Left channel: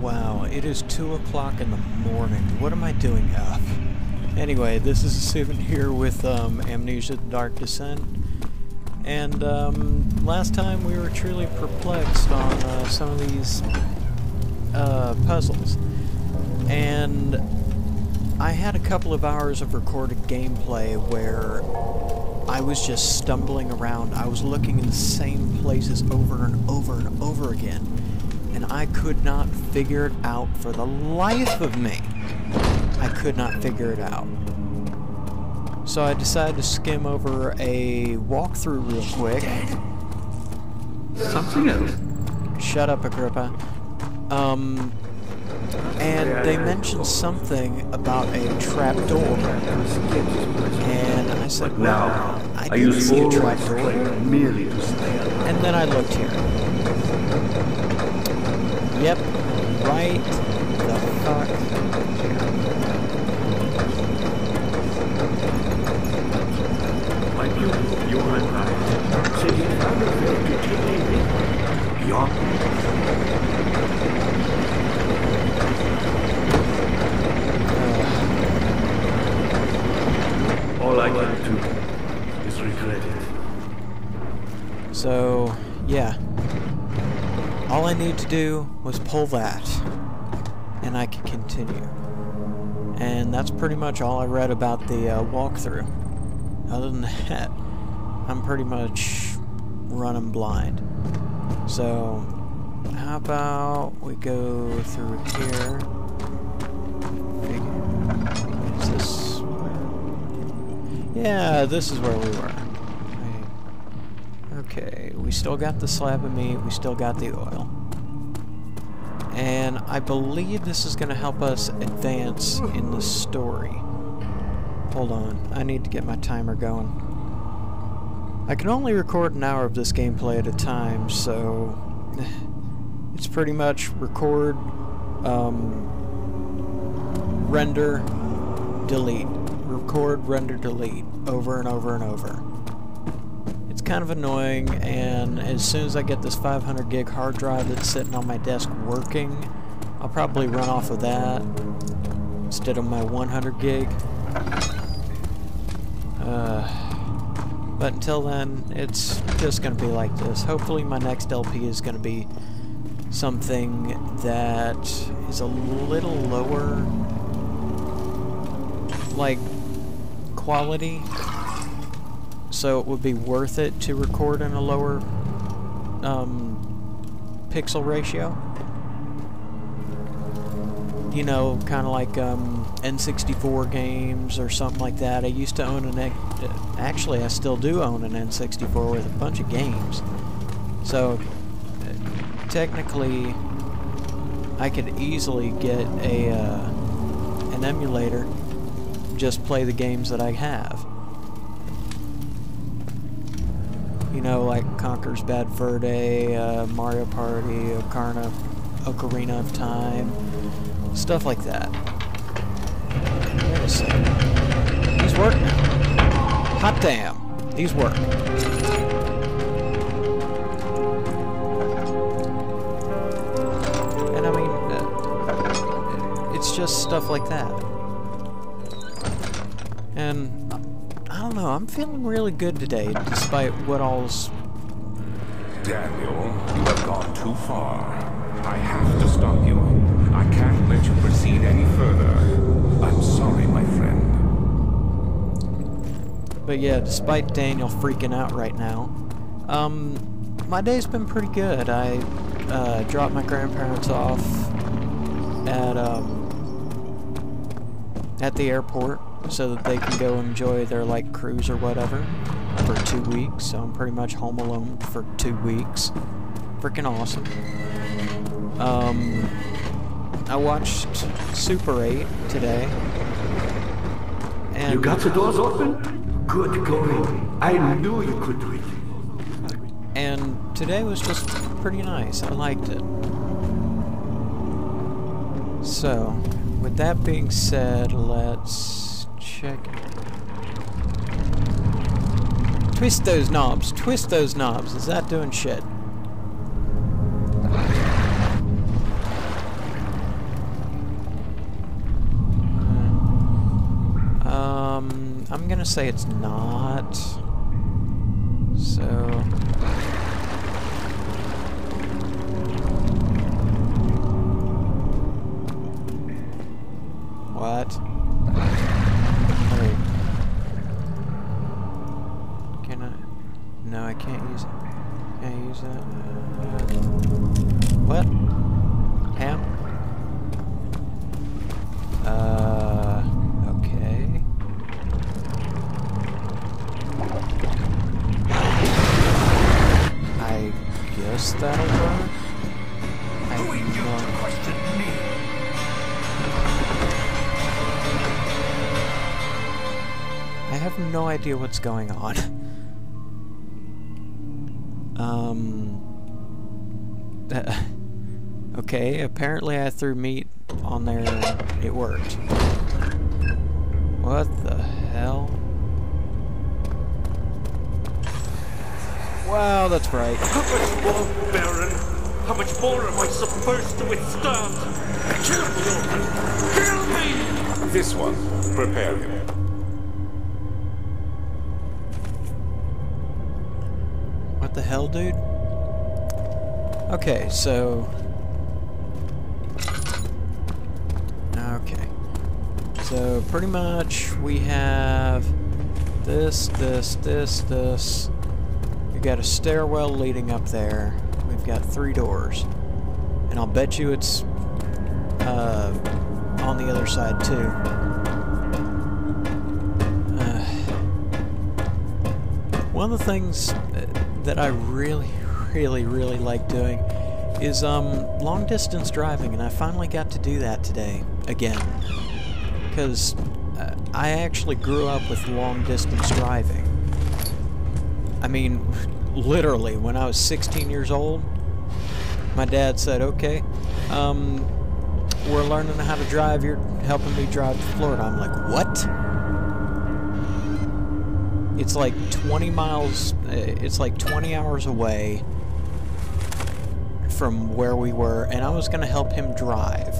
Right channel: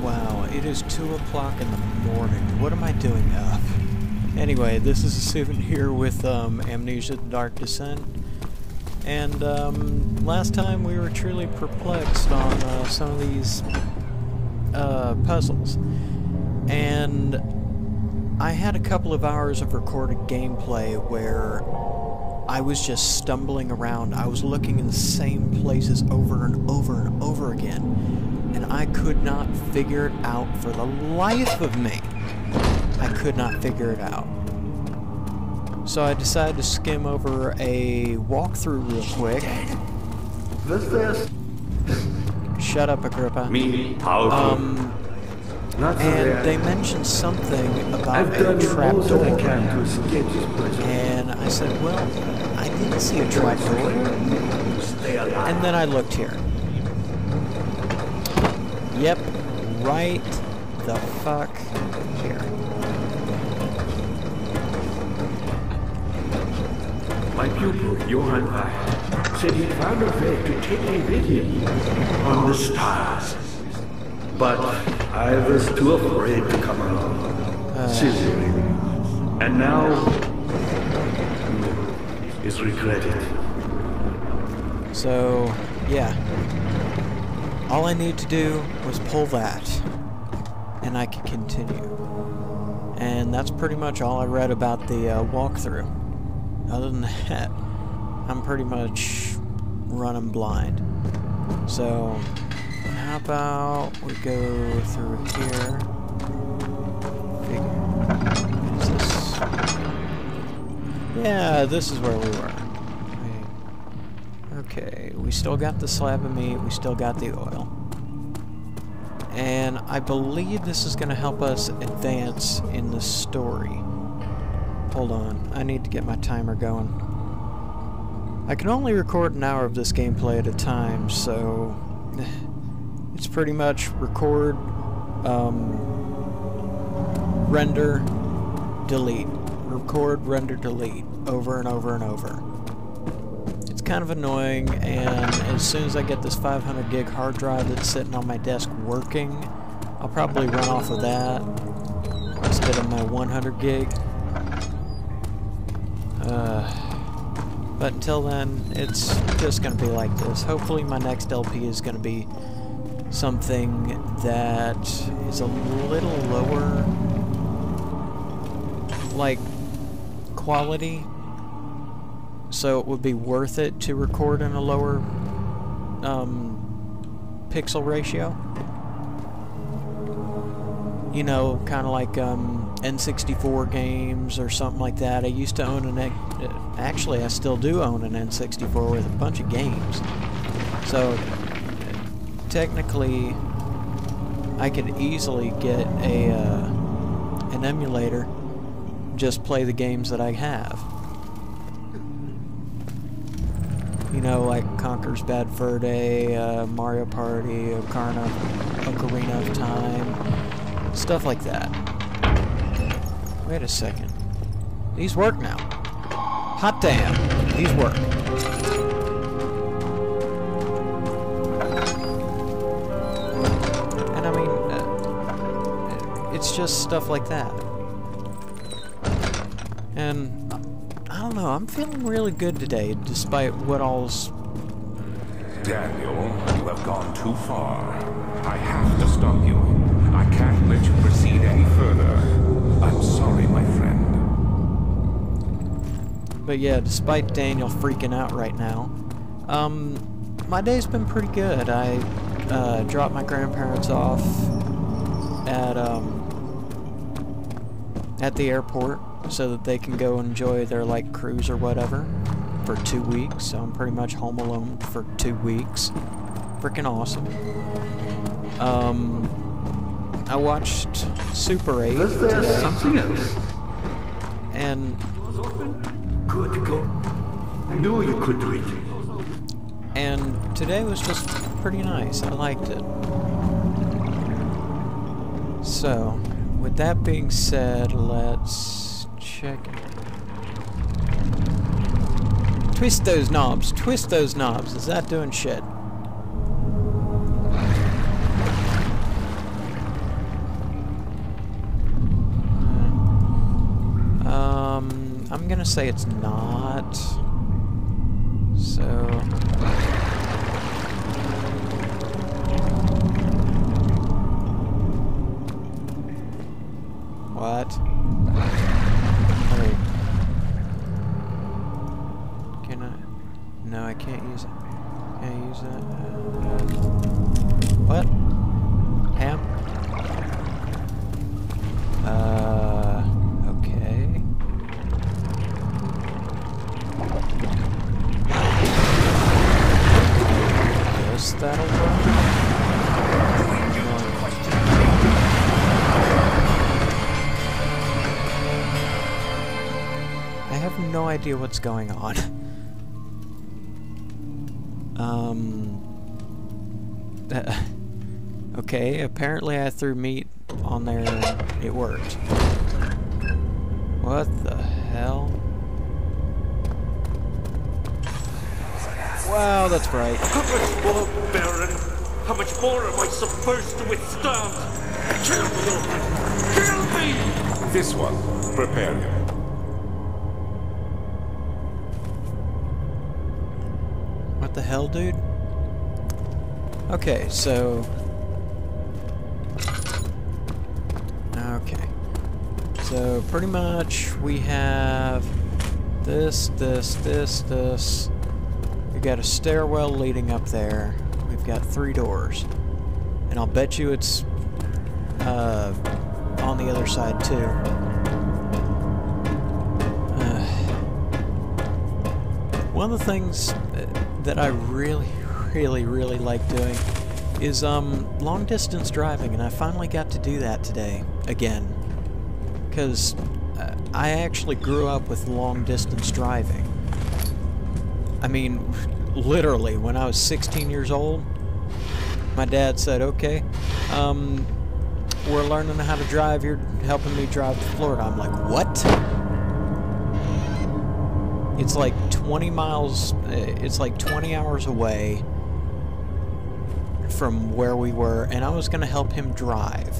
Wow, it is 2 o'clock in the morning. What am I doing up? Anyway, this is a souvenir with Amnesia: The Dark Descent. And last time we were truly perplexed on some of these puzzles. And I had a couple of hours of recorded gameplay where I was just stumbling around. I was looking in the same places over and over and over again. And I could not figure it out for the life of me. I could not figure it out. So I decided to skim over a walkthrough real quick. Was there something else? Shut up, Agrippa. And they mentioned something about a trapdoor. And I said, well, I didn't see a trapdoor. And then I looked here. Yep, right the fuck here. My pupil, Johann Weih, said he found a way to take me with me beyond the stars. But I was too afraid to come along. And now, all I can do is regret it. So, yeah. All I need to do was pull that, and I can continue. And that's pretty much all I read about the walkthrough. Other than that, I'm pretty much running blind. So, how about we go through here? Is this? Yeah, this is where we were. Okay, we still got the slab of meat, we still got the oil. And I believe this is going to help us advance in the story. Hold on, I need to get my timer going. I can only record an hour of this gameplay at a time, so it's pretty much record, render, delete. Record, render, delete, over and over and over. Kind of annoying, and as soon as I get this 500 gig hard drive that's sitting on my desk working, I'll probably run off of that instead of my 100 gig. But until then, it's just going to be like this. Hopefully my next LP is going to be something that is a little lower, like, quality. So it would be worth it to record in a lower pixel ratio. You know, kind of like N64 games or something like that. I used to own an... actually, I still do own an N64 with a bunch of games. So, technically, I could easily get a an emulator, just play the games that I have. You know, like Conker's Bad Fur Day, Mario Party, Ocarina of Time, stuff like that. Wait a second. These work now. Hot damn. These work. And I mean, it's just stuff like that. And I don't know, I'm feeling really good today, despite what all's... Daniel, you have gone too far. I have to stop you. I can't let you proceed any further. I'm sorry, my friend. But yeah, despite Daniel freaking out right now, my day's been pretty good. I dropped my grandparents off at the airport, so that they can go enjoy their, like, cruise or whatever for 2 weeks. So I'm pretty much home alone for 2 weeks. Freaking awesome. I watched Super 8 today. And you got the doors open? Good going. I knew you could do it. And today was just pretty nice. I liked it. So, with that being said, let's check. Twist those knobs. Twist those knobs. Is that doing shit? I'm gonna say it's not. So... What? Wait. Can I? No, I can't use it. Can I use that? What? Ham? Okay. I guess that'll work. Who are you to question me? I have no idea what's going on. Okay, apparently I threw meat on there and it worked. What the hell? Wow, that's bright. How much more, Baron? How much more am I supposed to withstand? Kill me, Orphan! Kill me! This one. Prepare him. What the hell, dude? Okay, so... Okay. So, pretty much, we have this. We got a stairwell leading up there. We've got 3 doors. And I'll bet you it's on the other side, too. One of the things that I really like doing is long distance driving, and I finally got to do that today again, because I actually grew up with long distance driving. I mean, literally, when I was 16 years old, my dad said, okay, we're learning how to drive, you're helping me drive to Florida. I'm like, what? It's like 20 miles, it's like 20 hours away from where we were, and I was going to help him drive.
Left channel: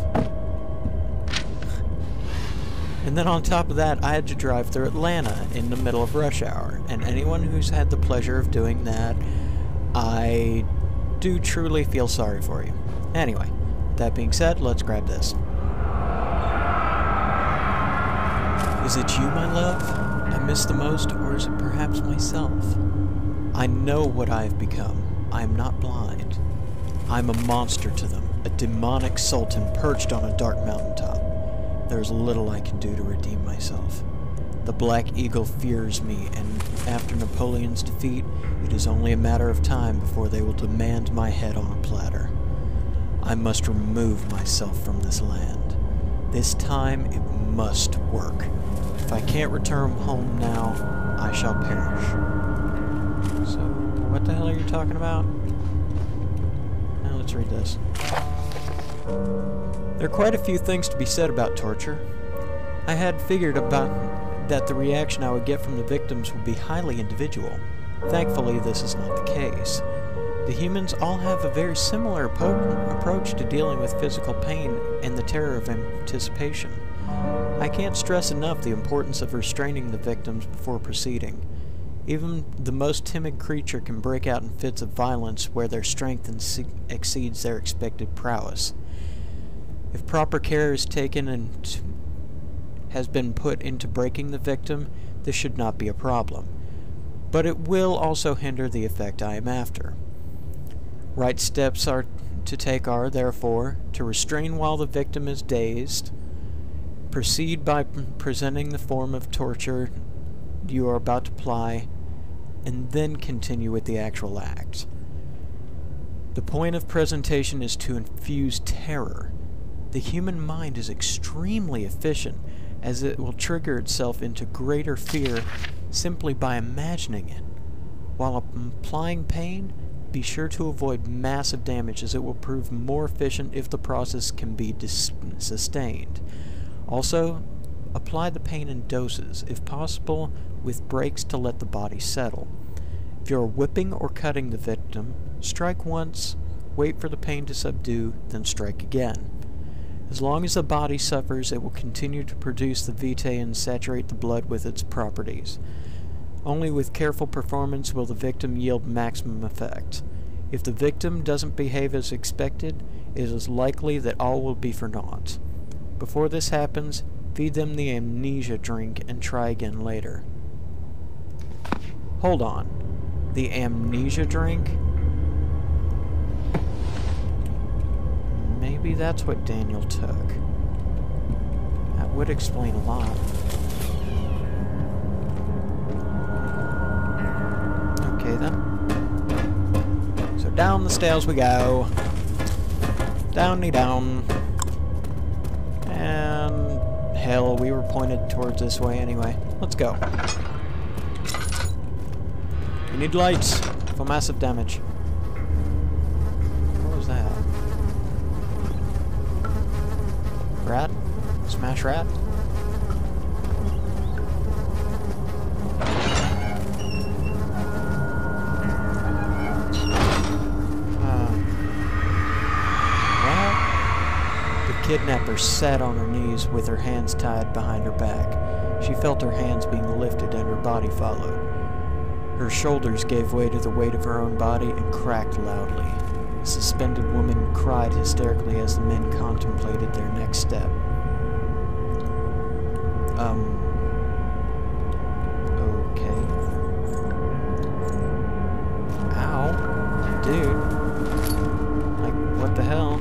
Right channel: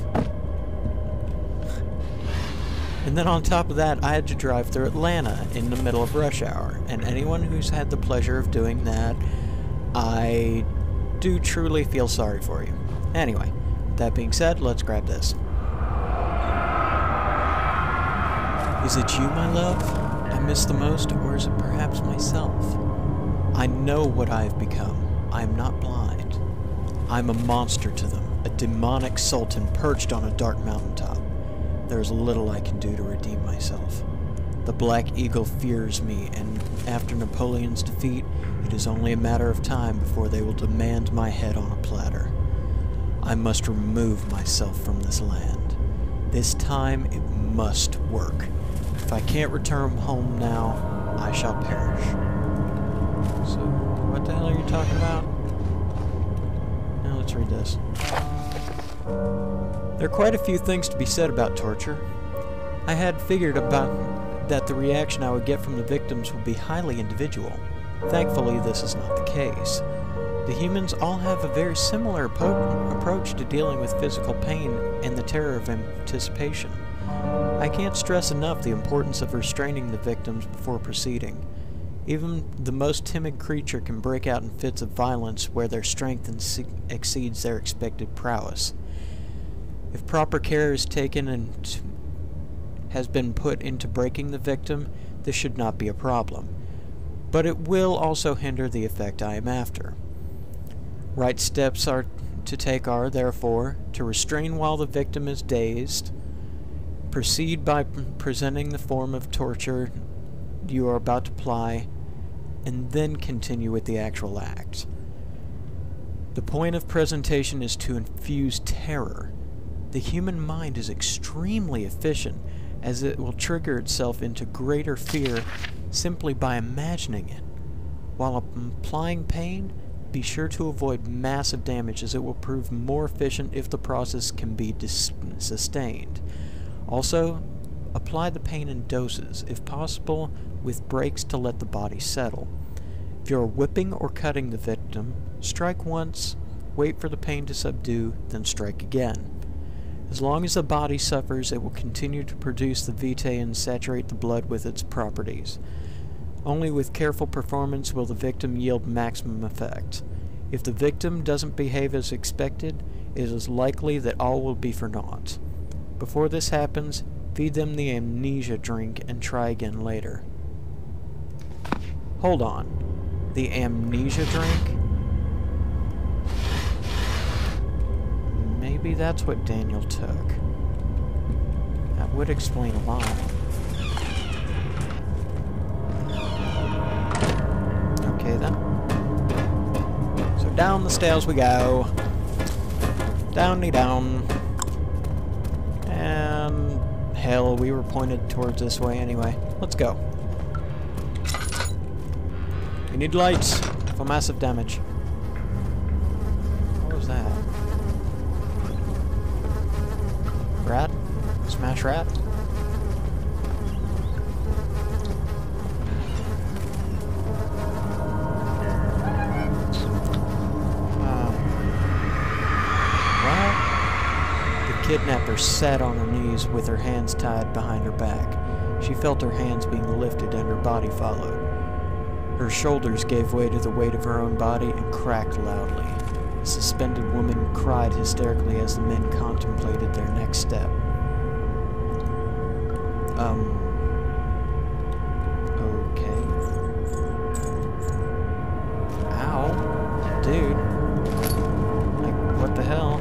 And then on top of that, I had to drive through Atlanta in the middle of rush hour. And anyone who's had the pleasure of doing that, I do truly feel sorry for you. Anyway, that being said, let's grab this. Is it you, my love, I miss the most, or is it perhaps myself? I know what I have become. I am not blind. I am a monster to them, a demonic sultan perched on a dark mountaintop. There is little I can do to redeem myself. The Black Eagle fears me, and after Napoleon's defeat, it is only a matter of time before they will demand my head on a platter. I must remove myself from this land. This time it must work. If I can't return home now, I shall perish. So, what the hell are you talking about? Now let's read this. There are quite a few things to be said about torture. I had figured about that the reaction I would get from the victims would be highly individual. Thankfully, this is not the case. The humans all have a very similar approach to dealing with physical pain and the terror of anticipation. I can't stress enough the importance of restraining the victims before proceeding. Even the most timid creature can break out in fits of violence where their strength exceeds their expected prowess. If proper care is taken and has been put into breaking the victim, this should not be a problem. But it will also hinder the effect I am after. Right steps are to take are, therefore, to restrain while the victim is dazed, proceed by presenting the form of torture you are about to apply, and then continue with the actual act. The point of presentation is to infuse terror. The human mind is extremely efficient, as it will trigger itself into greater fear simply by imagining it. While applying pain, be sure to avoid massive damage, as it will prove more efficient if the process can be sustained. Also, apply the pain in doses, if possible, with breaks to let the body settle. If you are whipping or cutting the victim, strike once, wait for the pain to subdue, then strike again. As long as the body suffers, it will continue to produce the vitae and saturate the blood with its properties. Only with careful performance will the victim yield maximum effect. If the victim doesn't behave as expected, it is likely that all will be for naught. Before this happens, feed them the amnesia drink and try again later. Hold on. The amnesia drink? Maybe that's what Daniel took. That would explain a lot. Okay then. So down the stairs we go. Downy down. And hell, we were pointed towards this way anyway. Let's go. We need lights for massive damage. What was that? Rat? Smash rat? What? The kidnapper sat on her knees with her hands tied behind her back. She felt her hands being lifted and her body followed. Her shoulders gave way to the weight of her own body and cracked loudly. The suspended woman cried hysterically as the men contemplated their next step. Okay. Ow. Dude. Like, what the hell?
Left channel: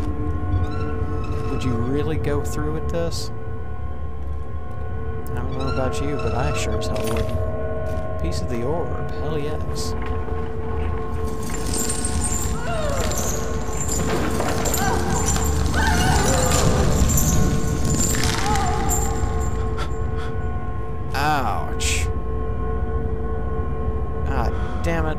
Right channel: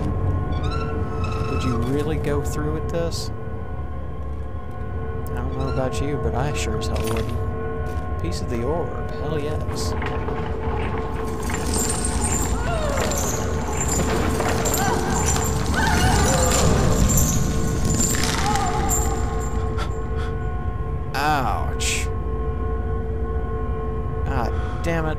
Would you really go through with this? I don't know about you, but I sure as hell wouldn't. Piece of the orb. Hell yes. Ouch. Ah, damn it.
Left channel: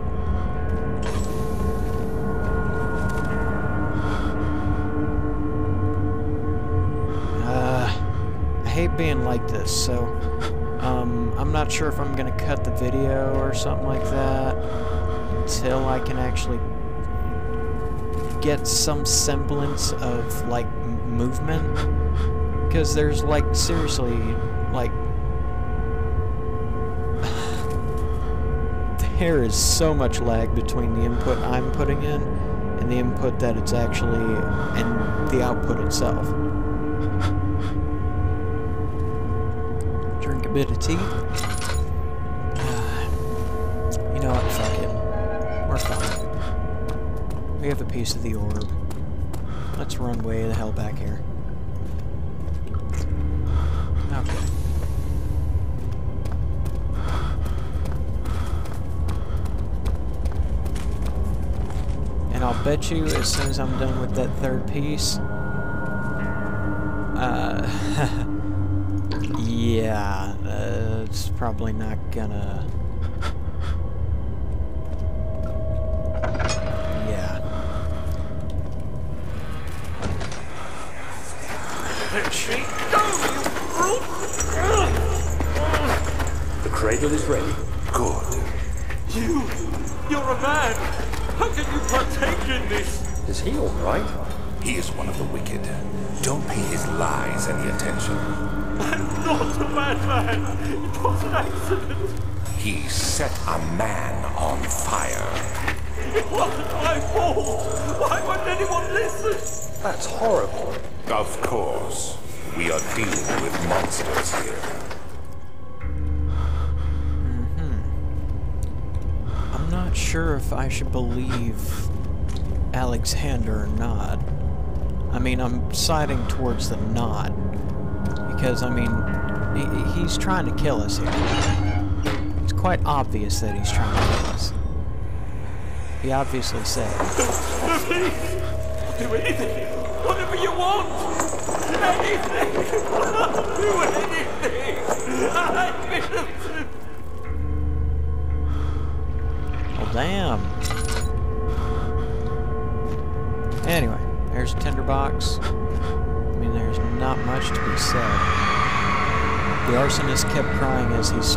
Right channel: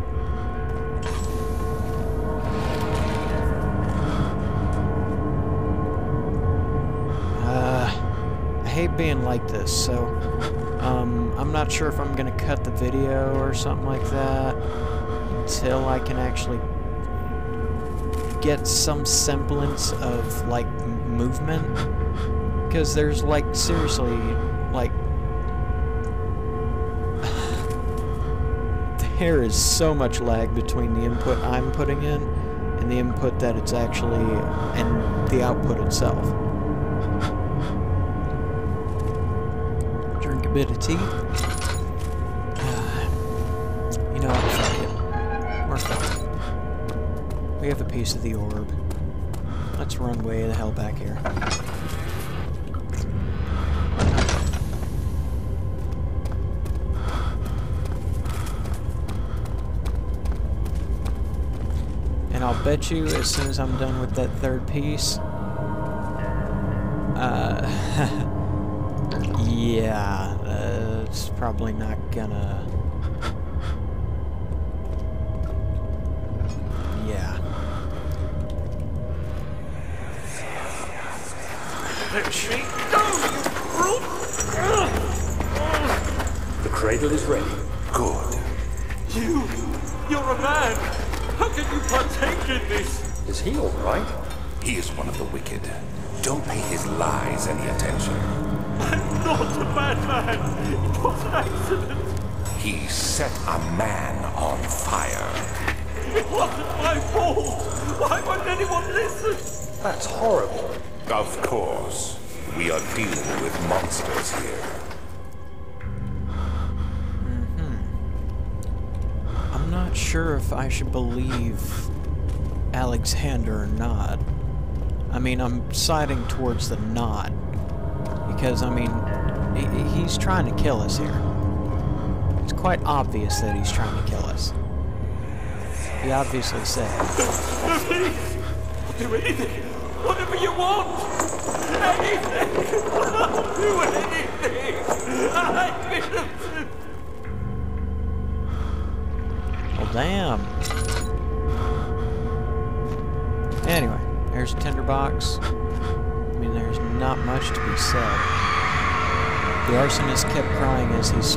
I hate being like this, so I'm not sure if I'm gonna cut the video or something like that until I can actually get some semblance of like movement, because there's like seriously like there is so much lag between the input I'm putting in and the input that it's actually and the output itself. Drink a bit of tea. You know what? Fuck it. We're fine. We have a piece of the orb. Let's run way the hell back here. And I'll bet you as soon as I'm done with that third piece, yeah, it's probably not gonna, yeah. Let me go, you brute! The cradle is ready. Good. You're a man! How can you partake in this? Is he all right? He is one of the wicked. Don't pay his lies any attention. I'm not a bad man. It was an accident. He set a man on fire. It wasn't my fault. Why won't anyone listen? That's horrible. Of course. We are dealing with monsters here. I'm not sure if I should believe Alexander or not. I mean, I'm siding towards the not. Because, I mean, he's trying to kill us here. It's quite obvious that he's trying to kill us. He obviously said. Please! I'll do anything. Whatever you want. Anything. I'll do anything. I'm innocent. Well, damn. Anyway, there's a tinderbox. I mean, there's not much to be said. The arsonist kept crying as he was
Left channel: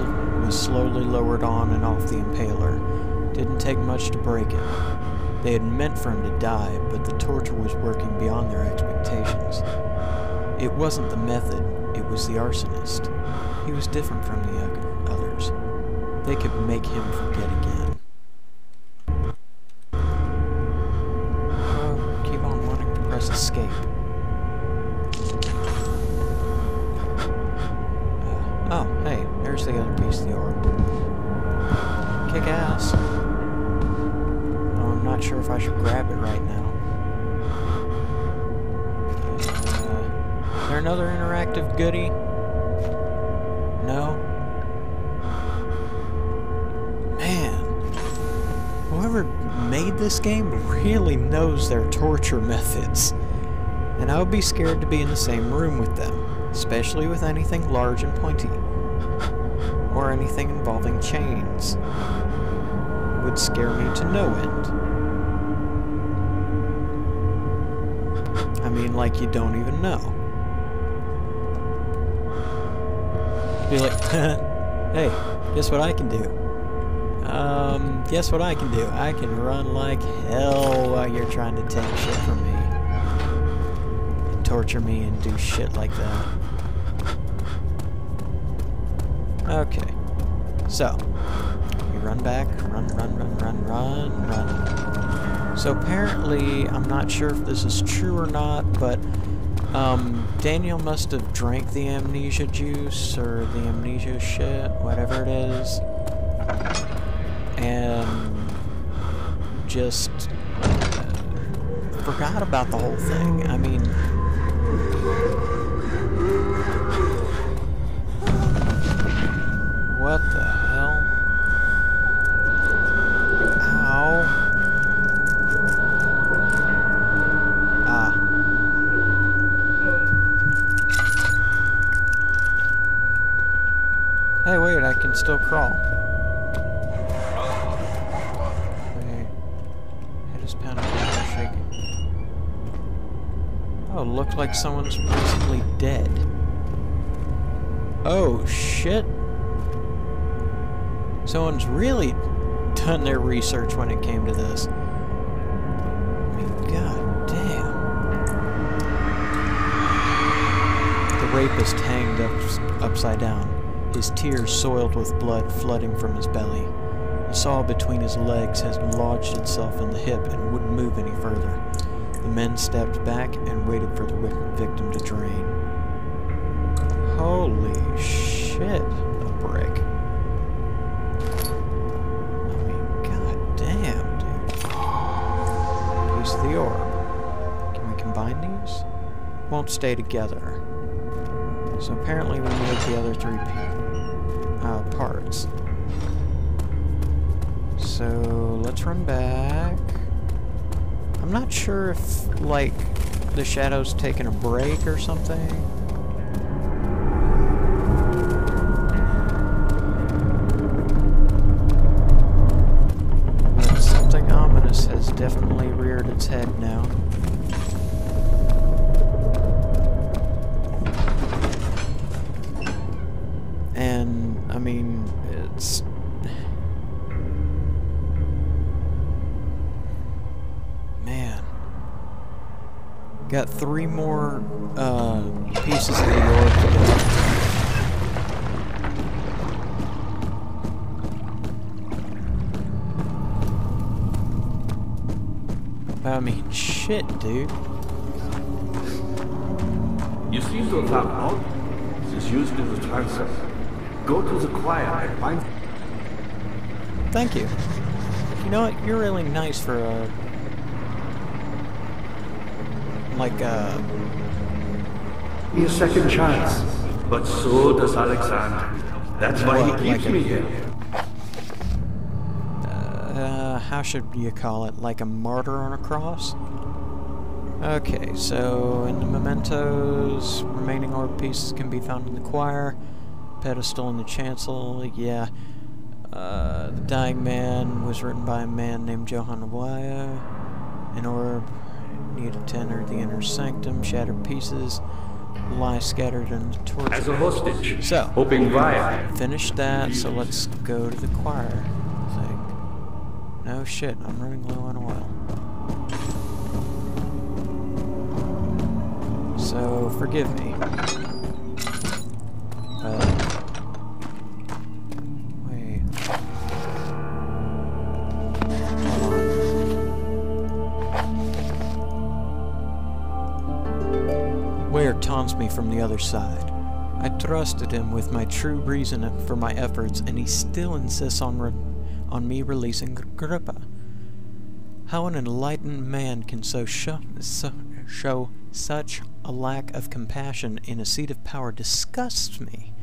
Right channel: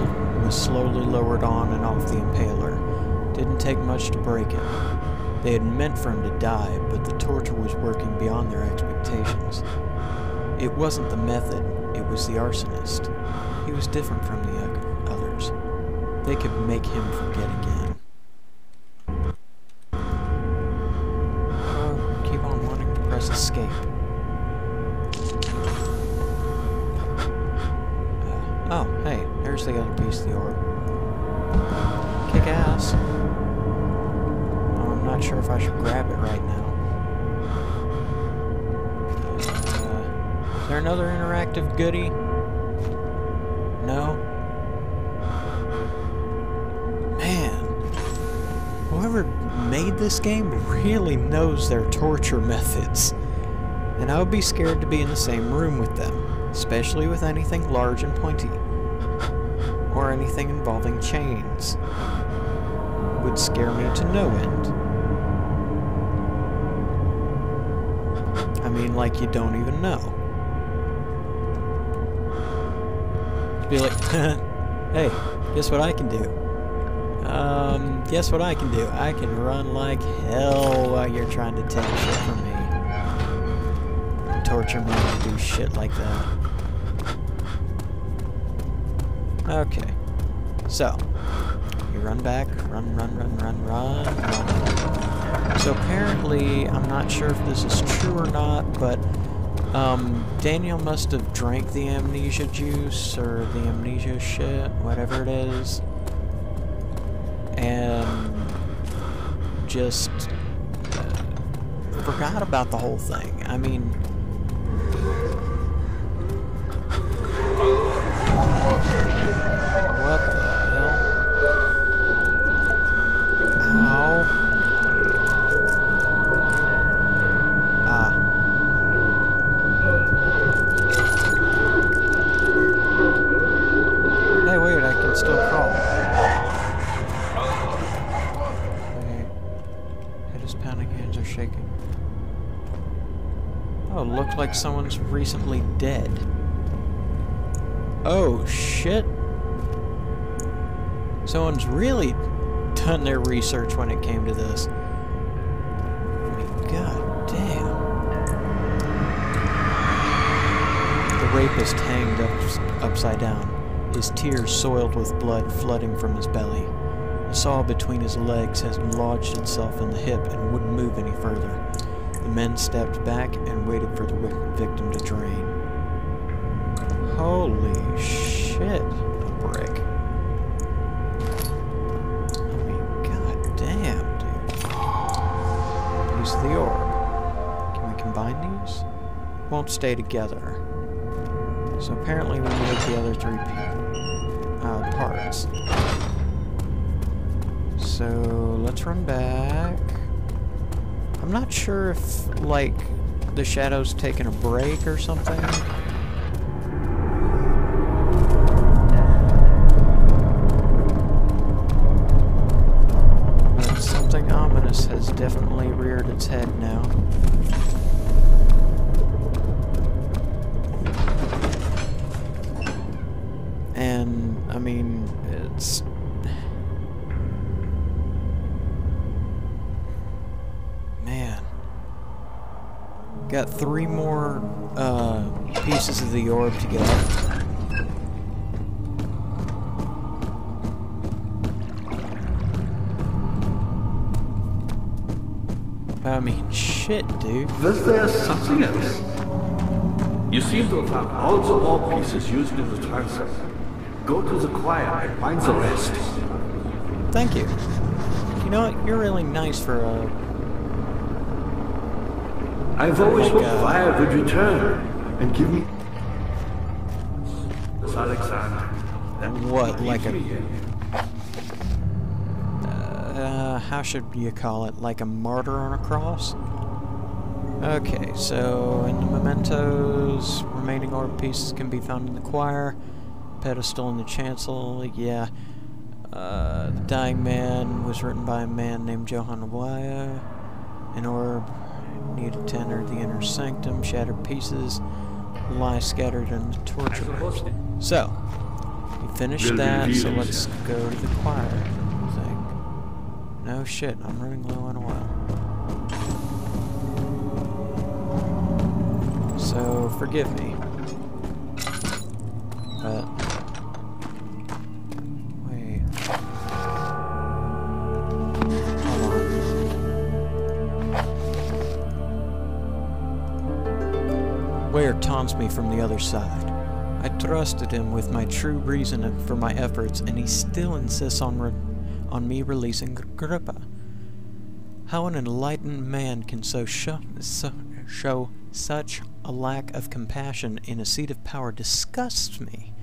slowly lowered on and off the impaler. Didn't take much to break him. They had meant for him to die, but the torture was working beyond their expectations. It wasn't the method, it was the arsonist. He was different from the others. They could make him forget again. Oh, keep on wanting to press escape. Oh, hey, there's the other piece of the orb. Kick ass. Oh, I'm not sure if I should grab it right now. Is there another interactive goodie? No? Man, whoever made this game really knows their torture methods. And I would be scared to be in the same room with them, especially with anything large and pointy. Or anything involving chains. It would scare me to no end. I mean, like you don't even know. Be like, hey, guess what I can do? Guess what I can do? I can run like hell while you're trying to take shit from me. And torture me and do shit like that. Okay. So, you run back, run. So apparently, I'm not sure if this is true or not, but Daniel must have drank the amnesia juice, or the amnesia shit, whatever it is, and just forgot about the whole thing. I mean, what the hell? Ow. Ah. Hey, wait, I can still crawl. Okay. Head is pounding, hands are shaking. Oh, looks like someone's recently dead. Oh, shit. Someone's really done their research when it came to this. I mean, god damn. The rapist hanged upside down, his tears soiled with blood flooding from his belly. The saw between his legs has lodged itself in the hip and wouldn't move any further. The men stepped back and waited for the victim to drain. Holy shit, a brick. I mean, god damn, dude. Piece of the orb. Can we combine these? Won't stay together. So apparently we need the other three parts. So let's run back. I'm not sure if, like, the shadow's taking a break or something. But something ominous has definitely reared its head now. And, I mean, it's... Man. Got 3 more, pieces of the orb to go. I mean, shit, dude. Was there something else? You seem to have found all the orb pieces used in the transfer. Go to the choir and find the rest. Thank you. You know what? You're really nice for a... I've always hoped choir would return and give me a second chance. But so does Alexander. That's why he keeps me here. How should you call it? Like a martyr on a cross? Okay, so in the mementos, remaining orb pieces can be found in the choir. Pedestal in the chancel, yeah. The Dying Man was written by a man named Johann Waya. An orb needed to enter the inner sanctum. Shattered pieces lie scattered in the torture. As a hostage. So, hoping Vaya finished that, so let's go to the choir thing. No shit, I'm running low on oil. So, forgive me. But... wait. Hold on. Ware taunts me from the other side. I trusted him with my true reason for my efforts, and he still insists on me releasing Agrippa. How an enlightened man can show such a lack of compassion in a seat of power disgusts me.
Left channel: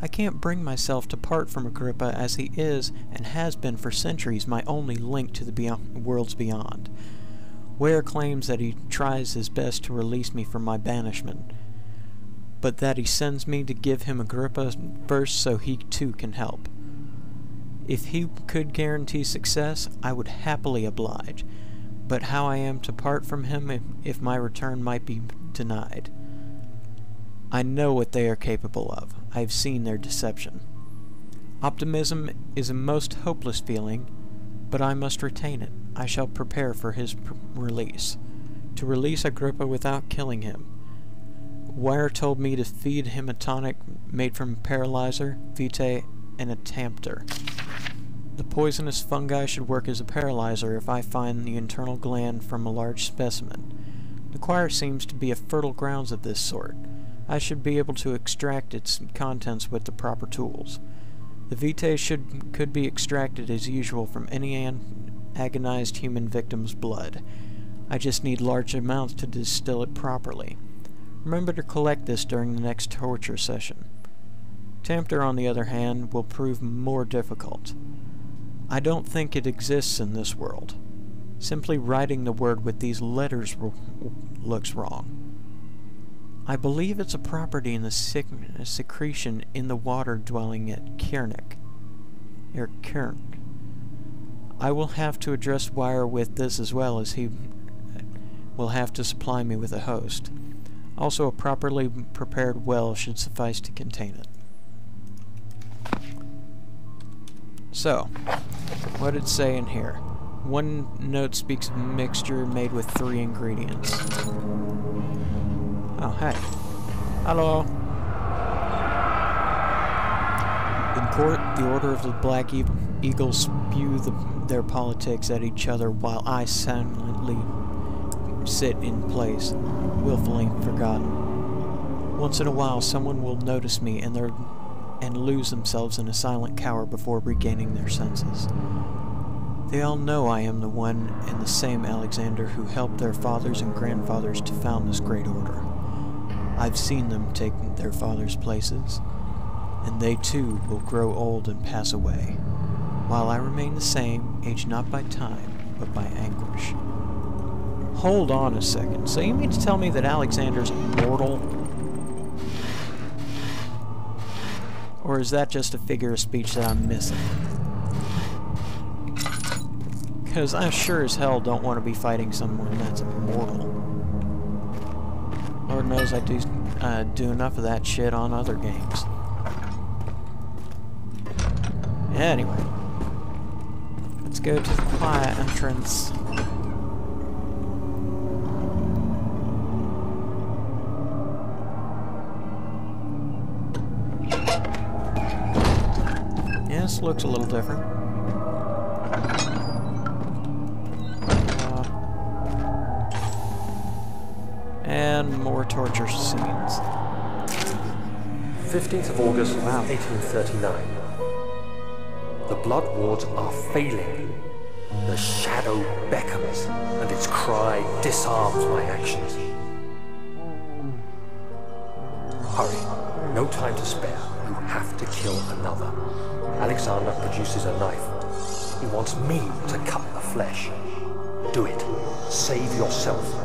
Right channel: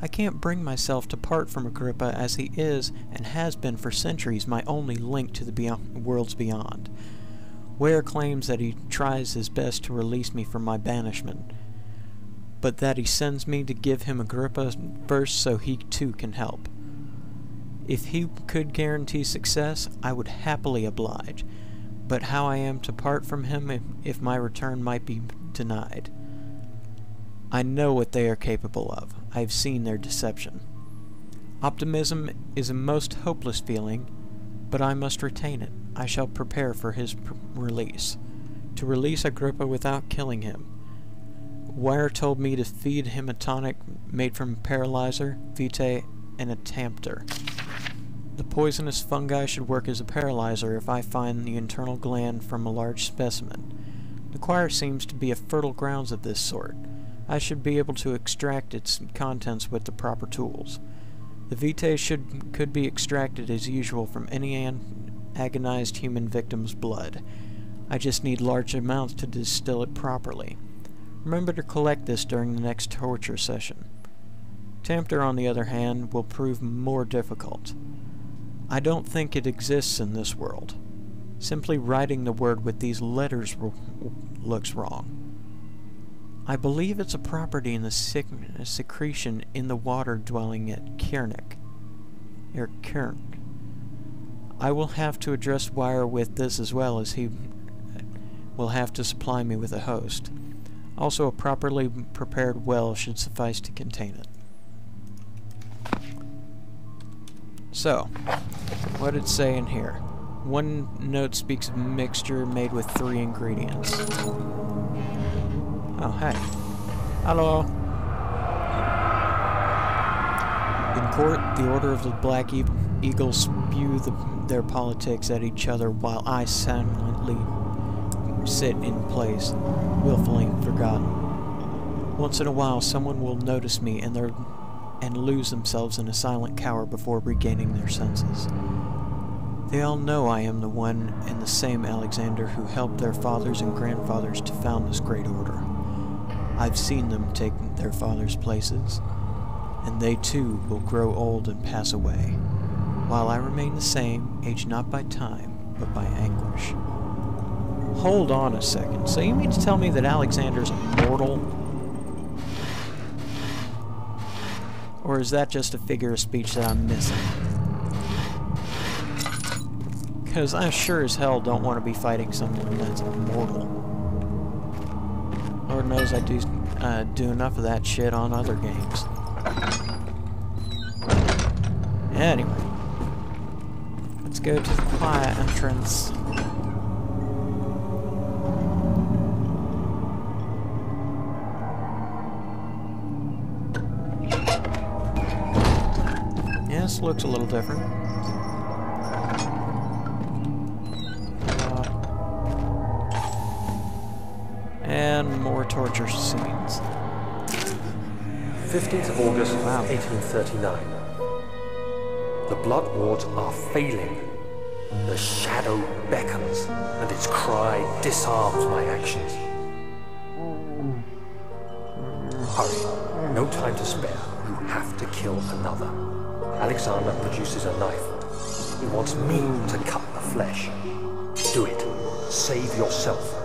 I can't bring myself to part from Agrippa, as he is, and has been for centuries, my only link to the worlds beyond. Ware claims that he tries his best to release me from my banishment, but that he sends me to give him Agrippa first so he too can help. If he could guarantee success, I would happily oblige, but how I am to part from him if my return might be denied? I know what they are capable of. I have seen their deception. Optimism is a most hopeless feeling, but I must retain it. I shall prepare for his release. To release Agrippa without killing him. Wire told me to feed him a tonic made from paralyzer, vitae, and a tempter. The poisonous fungi should work as a paralyzer if I find the internal gland from a large specimen. The choir seems to be a fertile grounds of this sort. I should be able to extract its contents with the proper tools. The vitae could be extracted as usual from any agonized human victim's blood. I just need large amounts to distill it properly. Remember to collect this during the next torture session. Tempter, on the other hand, will prove more difficult. I don't think it exists in this world. Simply writing the word with these letters looks wrong. I believe it's a property in the secretion in the water dwelling at Kiernick. I will have to address Wire with this as well, as he will have to supply me with a host. Also, a properly prepared well should suffice to contain it. So, what did it say in here? One note speaks of a mixture made with 3 ingredients. Oh, hey. Hello. In court, the Order of the Black Eagles spew their politics at each other while I silently sit in place, willfully forgotten. Once in a while, someone will notice me and lose themselves in a silent cower before regaining their senses. They all know I am the one and the same Alexander who helped their fathers and grandfathers to found this great order. I've seen them take their fathers' places, and they too will grow old and pass away, while I remain the same, aged not by time, but by anguish. Hold on a second. So you mean to tell me that Alexander's immortal? Or is that just a figure of speech that I'm missing? Because I sure as hell don't want to be fighting someone that's immortal. Lord knows I do enough of that shit on other games. Anyway. Let's go to the quiet entrance. Yes, looks a little different. And more torture scenes. 15th of August, 1839. The blood wards are failing. The shadow beckons, and its cry disarms my actions. Hurry, no time to spare. You have to kill another. Alexander produces a knife. He wants me to cut the flesh. Do it. Save yourself.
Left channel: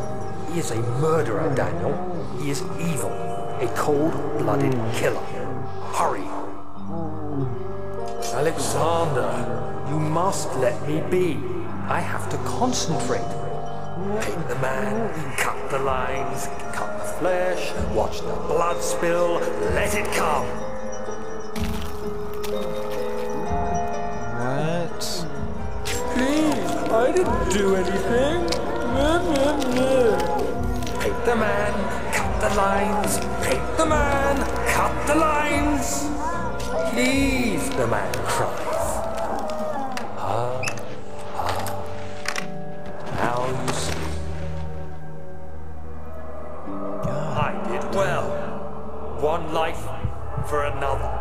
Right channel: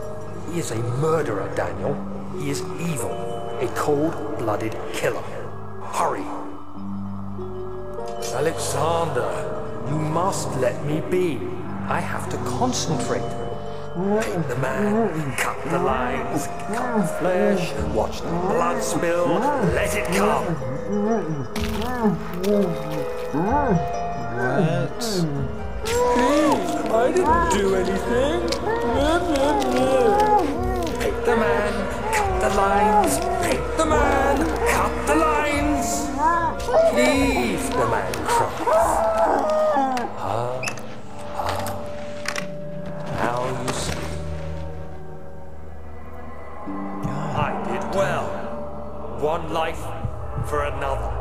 He is a murderer, Daniel. He is evil. A cold-blooded killer. Hurry. Alexander, you must let me be. I have to concentrate. Paint the man, cut the lines, cut the flesh, watch the blood spill, let it come. What? Please, I didn't do anything. Paint the man, cut the lines, paint the man, cut the lines. Please, the man cries. Now you see. I did well. One life for another.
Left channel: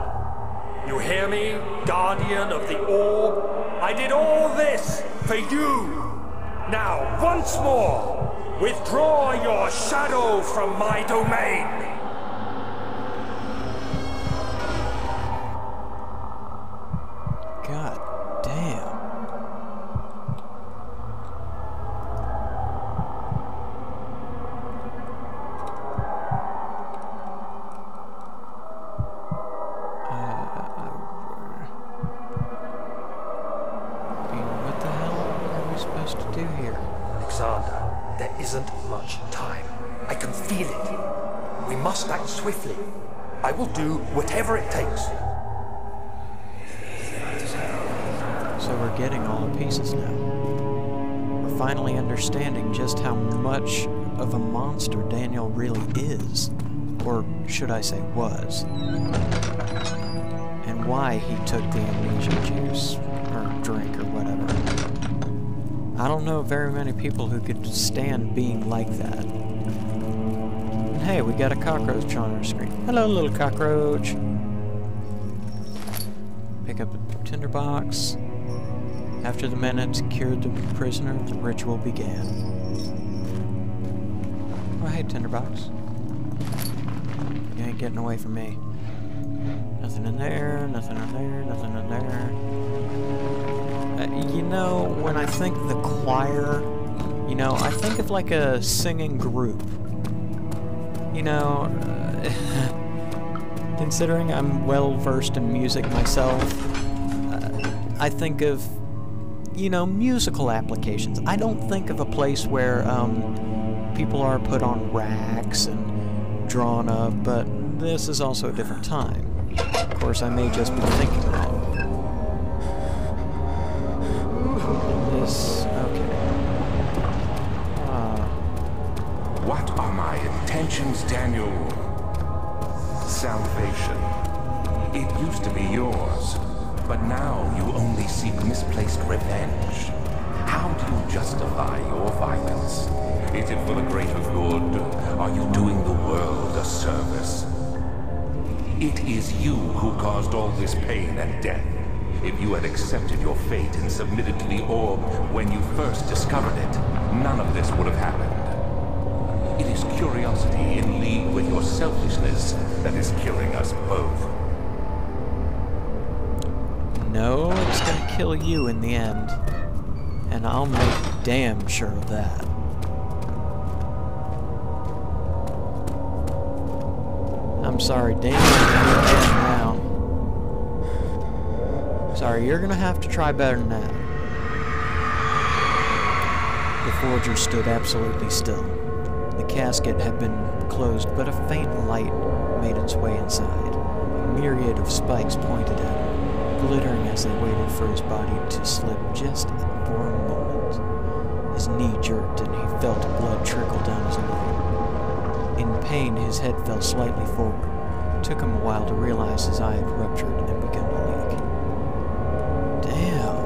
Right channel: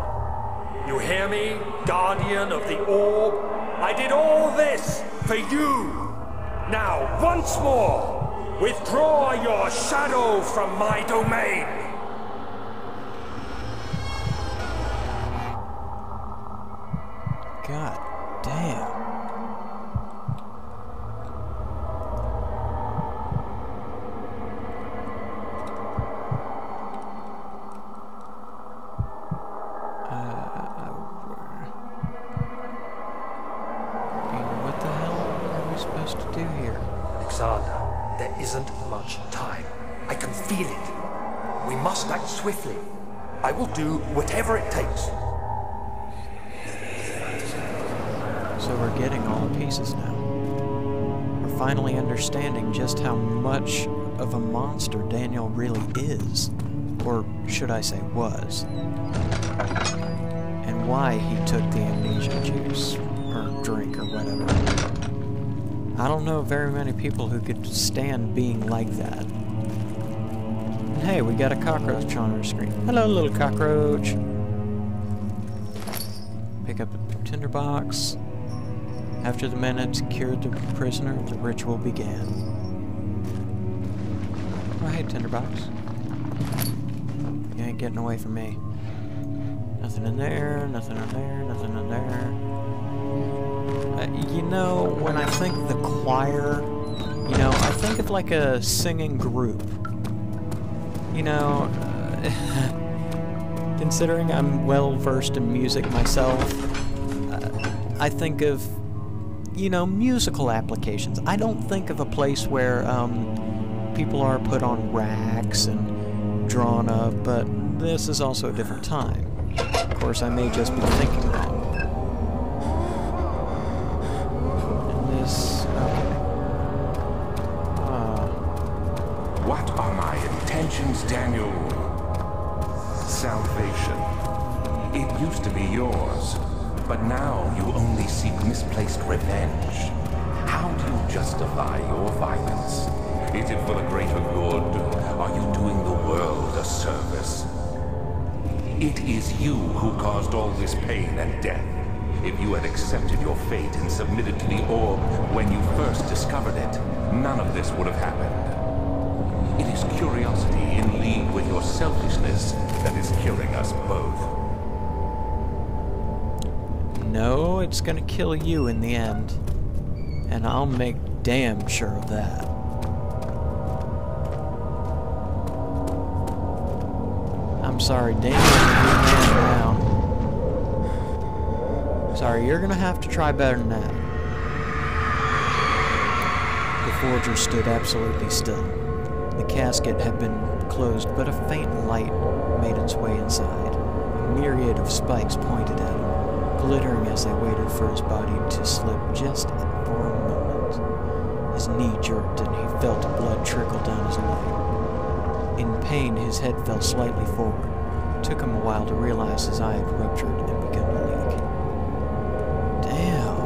You hear me, guardian of the orb? I did all this for you. Now, once more, withdraw your shadow from my domain. God damn. What the hell are we supposed to do here? Alexander, there isn't much time. I can feel it. We must act swiftly. I will do whatever it takes. So we're getting all the pieces now. We're finally understanding just how much of a monster Daniel really is. Or should I say was. And why he took the amnesia juice. Or drink or whatever. I don't know very many people who could stand being like that. And hey, we got a cockroach on our screen. Hello, little cockroach. Pick up a tinderbox. After the men had secured the prisoner, the ritual began. Oh, hey, tinderbox. You ain't getting away from me. Nothing in there, nothing in there, nothing in there. You know, when I think the choir, you know, I think of like a singing group. You know, considering I'm well versed in music myself, I think of, you know, musical applications. I don't think of a place where people are put on racks and drawn up, but this is also a different time. Of course, I may just be thinking that. And this, okay. What are my intentions, Daniel? Salvation. It used to be yours, but now you only seek misplaced revenge. How do you justify your violence? Is it for the greater good? Are you doing the world a service? It is you who caused all this pain and death. If you had accepted your fate and submitted to the orb when you first discovered it, none of this would have happened. It is curiosity in league with your selfishness that is killing us both. No, it's gonna kill you in the end. And I'll make damn sure of that. I'm sorry, Daniel's a new man now. Sorry, you're gonna have to try better than that. The forger stood absolutely still. The casket had been closed, but a faint light made its way inside. A myriad of spikes pointed at him, glittering as they waited for his body to slip just for a moment. His knee jerked and he felt blood trickle down his leg. In pain, his head fell slightly forward. It took him a while to realize his eye had ruptured and begun to leak. Damn.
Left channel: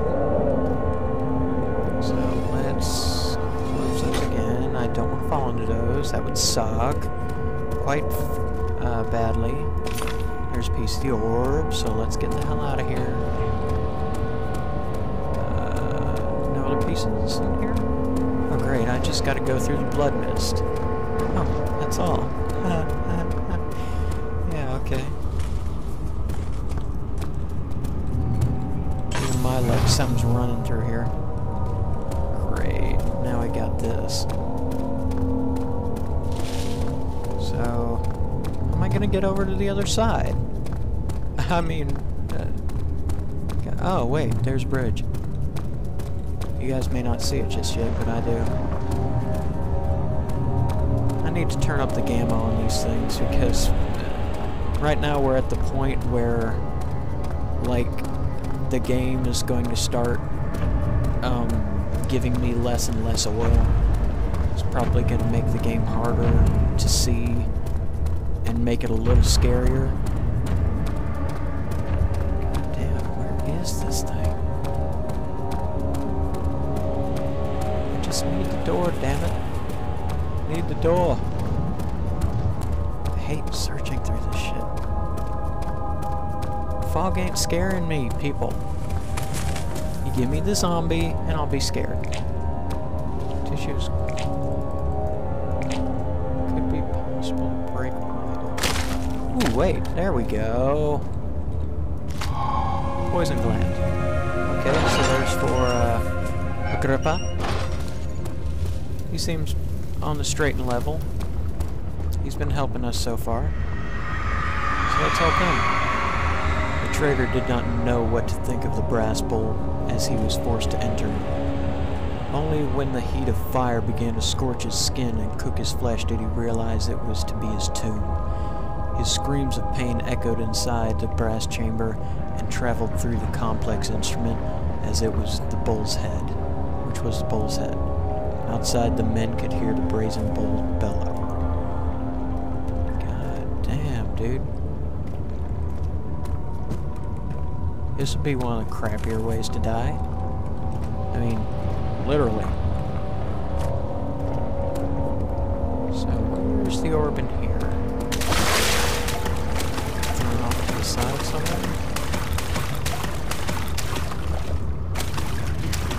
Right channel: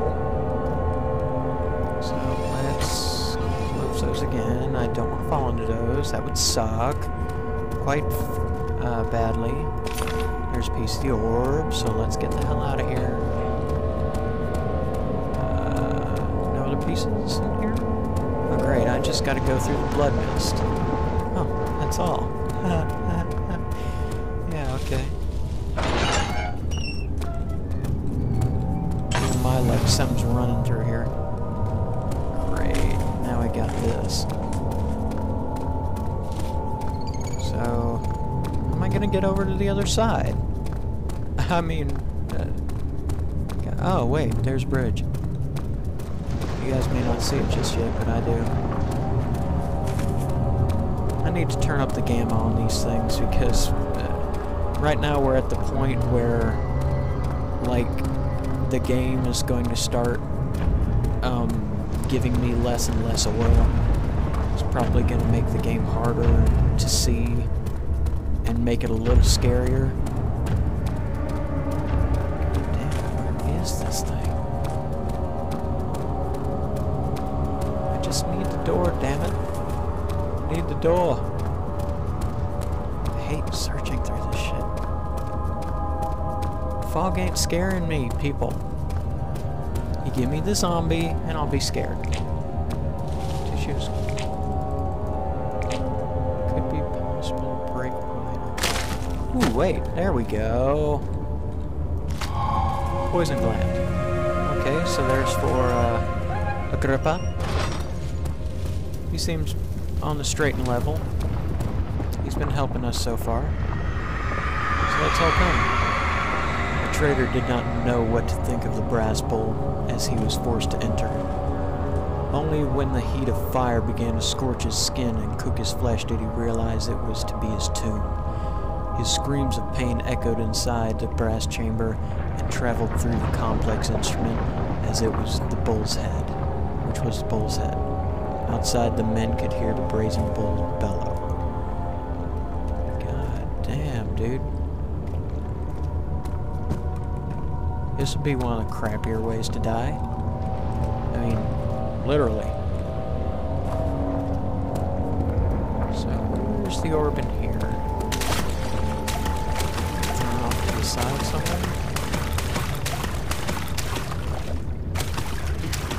So let's close those again. I don't want to fall into those. That would suck. Quite badly. There's a piece of the orb, so let's get the hell out of here. No other pieces in here? Oh great, I just gotta go through the blood mist. Oh, that's all. Yeah, okay. Even my luck, something's running through here. Great, now I got this. So, how am I gonna get over to the other side? I mean, oh wait, there's a bridge. You guys may not see it just yet, but I do. I need to turn up the gamma on these things because right now we're at the point where, like, the game is going to start giving me less and less oil. It's probably going to make the game harder to see and make it a little scarier. God damn, where is this thing? I just need the door, damn it. Need the door. I hate searching through this shit. Fog ain't scaring me, people. You give me the zombie, and I'll be scared. Tissues. Could be possible to break wide open. Ooh, wait. There we go. Poison gland. Okay, so there's for, Agrippa. He seems on the straight and level. He's been helping us so far. So let's help him. The traitor did not know what to think of the brass bowl as he was forced to enter. Only when the heat of fire began to scorch his skin and cook his flesh did he realize it was to be his tomb. His screams of pain echoed inside the brass chamber and traveled through the complex instrument as it was the bull's head, which was the bull's head. Outside, the men could hear the brazen bull bellow. God damn, dude. This would be one of the crappier ways to die. I mean, literally. So, where's the orb in here? Thrown off to the side somewhere?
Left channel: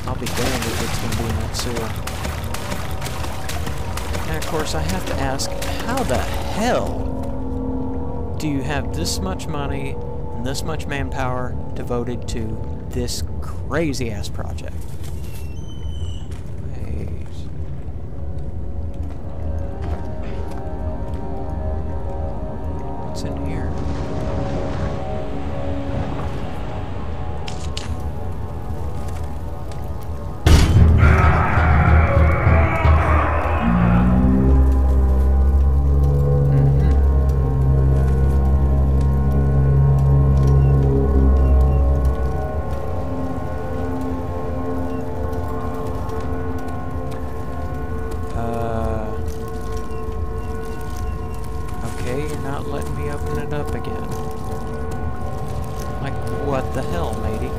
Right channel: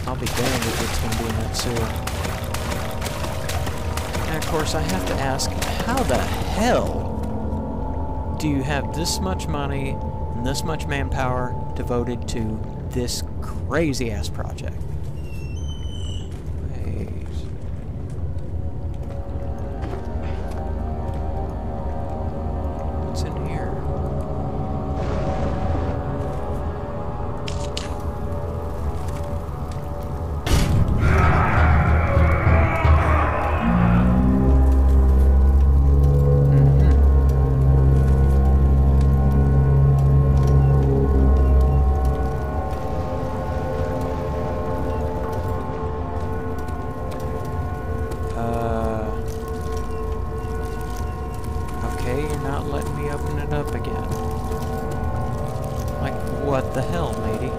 I'll be damned if it's going to be in that sewer. And of course, I have to ask, how the hell do you have this much money and this much manpower devoted to this crazy-ass project? Wait. What's in here? Okay, you're not letting me open it up again. Like, what the hell, matey?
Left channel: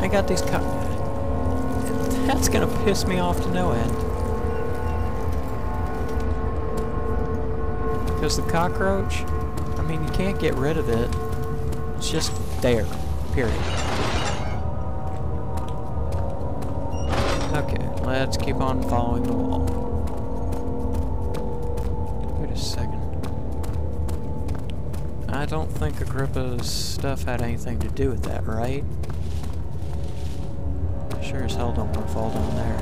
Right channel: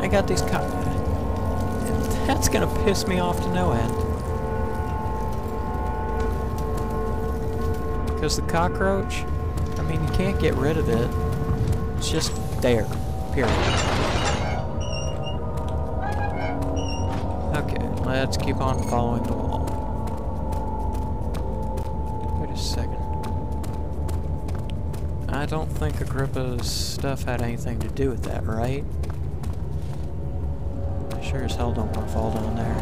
I got these That's gonna piss me off to no end. Because the cockroach, I mean, you can't get rid of it. It's just there. Period. Okay, let's keep on following the wall. Wait a second. I don't think Agrippa's stuff had anything to do with that, right? I sure as hell don't want to fall down there.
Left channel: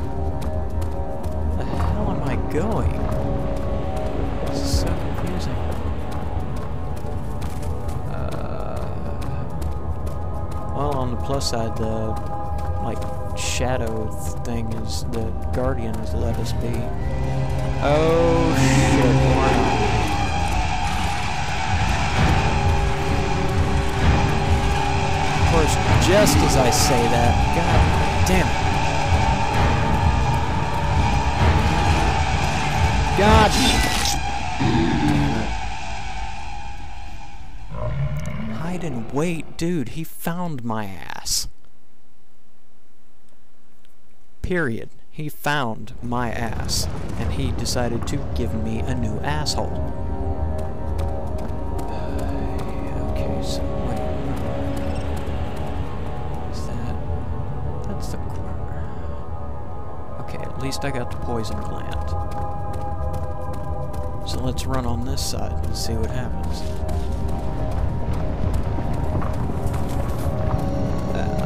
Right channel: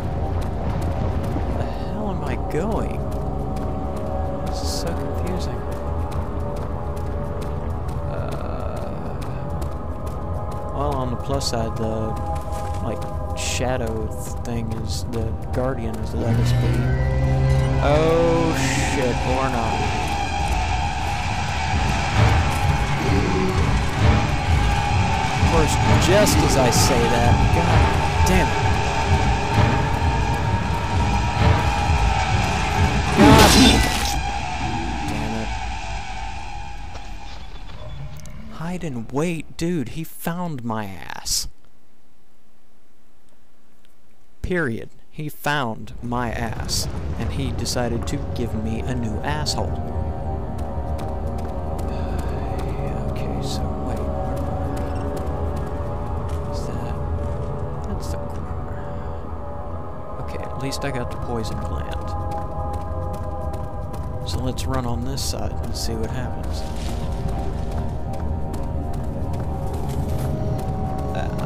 Where the hell am I going? This is so confusing. Well, on the plus side, the, like, shadow thing is the Guardian has let us be. Oh shit, more not. Of course, just as I say that, god damn it. God damn it. Hide and wait, dude, he found my ass. Period. He found my ass, and he decided to give me a new asshole. Okay, so wait, where is that? That's the... Okay, at least I got the poison gland. So let's run on this side and see what happens.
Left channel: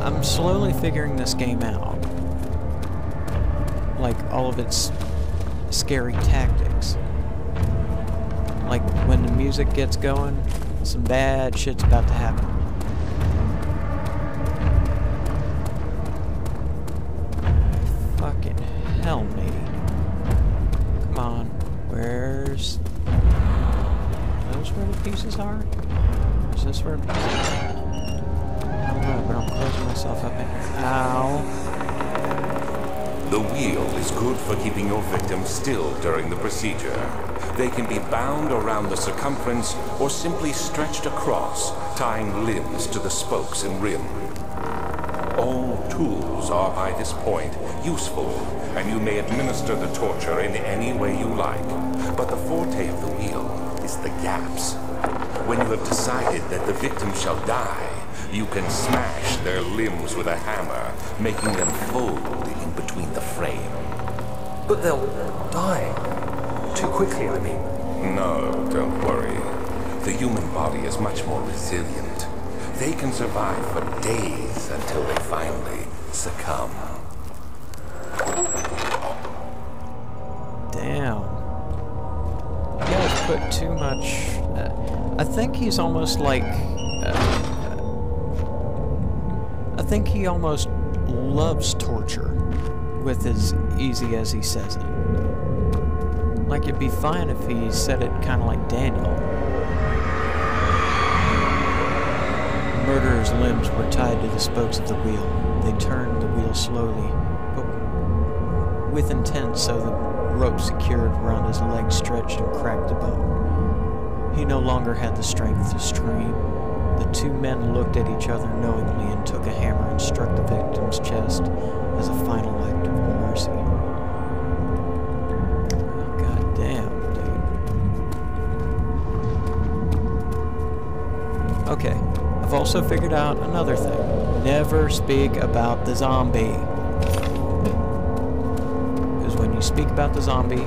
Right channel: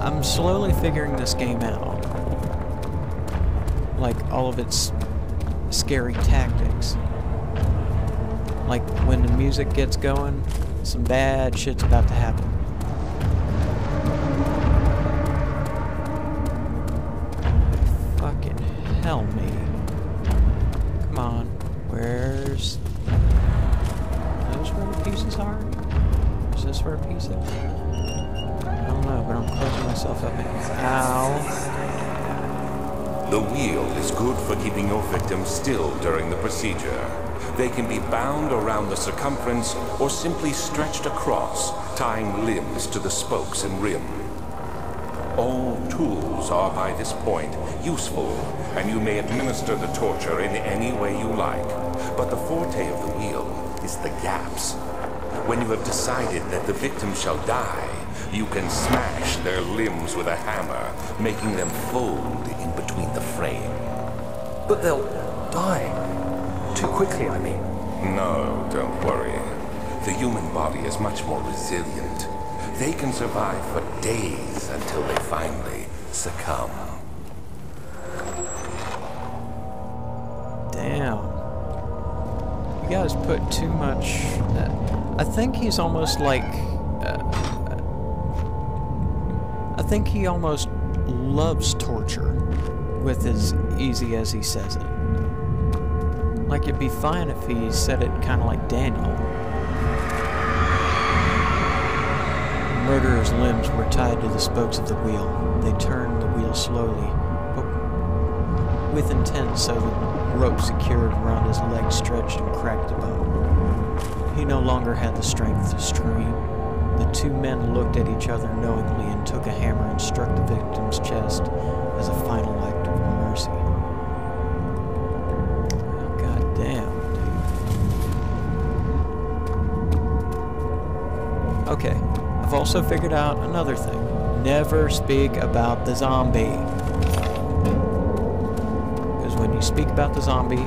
I'm slowly figuring this game out. Like, all of its scary tactics. Like, when the music gets going, some bad shit's about to happen. Fucking hell, matey. Come on. Where's... Are those where the pieces are? Or is this where the pieces are? I don't know, but I'm closing myself up in here. Ow. The wheel is good for keeping your victims still during the procedure. They can be bound around the circumference or simply stretched across, tying limbs to the spokes and rim. All tools are by this point useful, and you may administer the torture in any way you like. But the forte of the wheel is the gaps. When you have decided that the victim shall die, you can smash their limbs with a hammer, making them fold in between the frame. But they'll die. Too quickly, I mean. No, don't worry. The human body is much more resilient. They can survive for days until they finally succumb. Damn. You guys put too much... I think he's almost like... I think he almost loves torture, with as easy as he says it. Like, it'd be fine if he said it kind of like Daniel. Murderer's limbs were tied to the spokes of the wheel. They turned the wheel slowly, but with intent, so the rope secured around his leg stretched and cracked the bone. He no longer had the strength to scream. The two men looked at each other knowingly and took a hammer and struck the victim's chest as a final act of mercy. Oh, God damn, dude. Okay, I've also figured out another thing. Never speak about the zombie. Because when you speak about the zombie,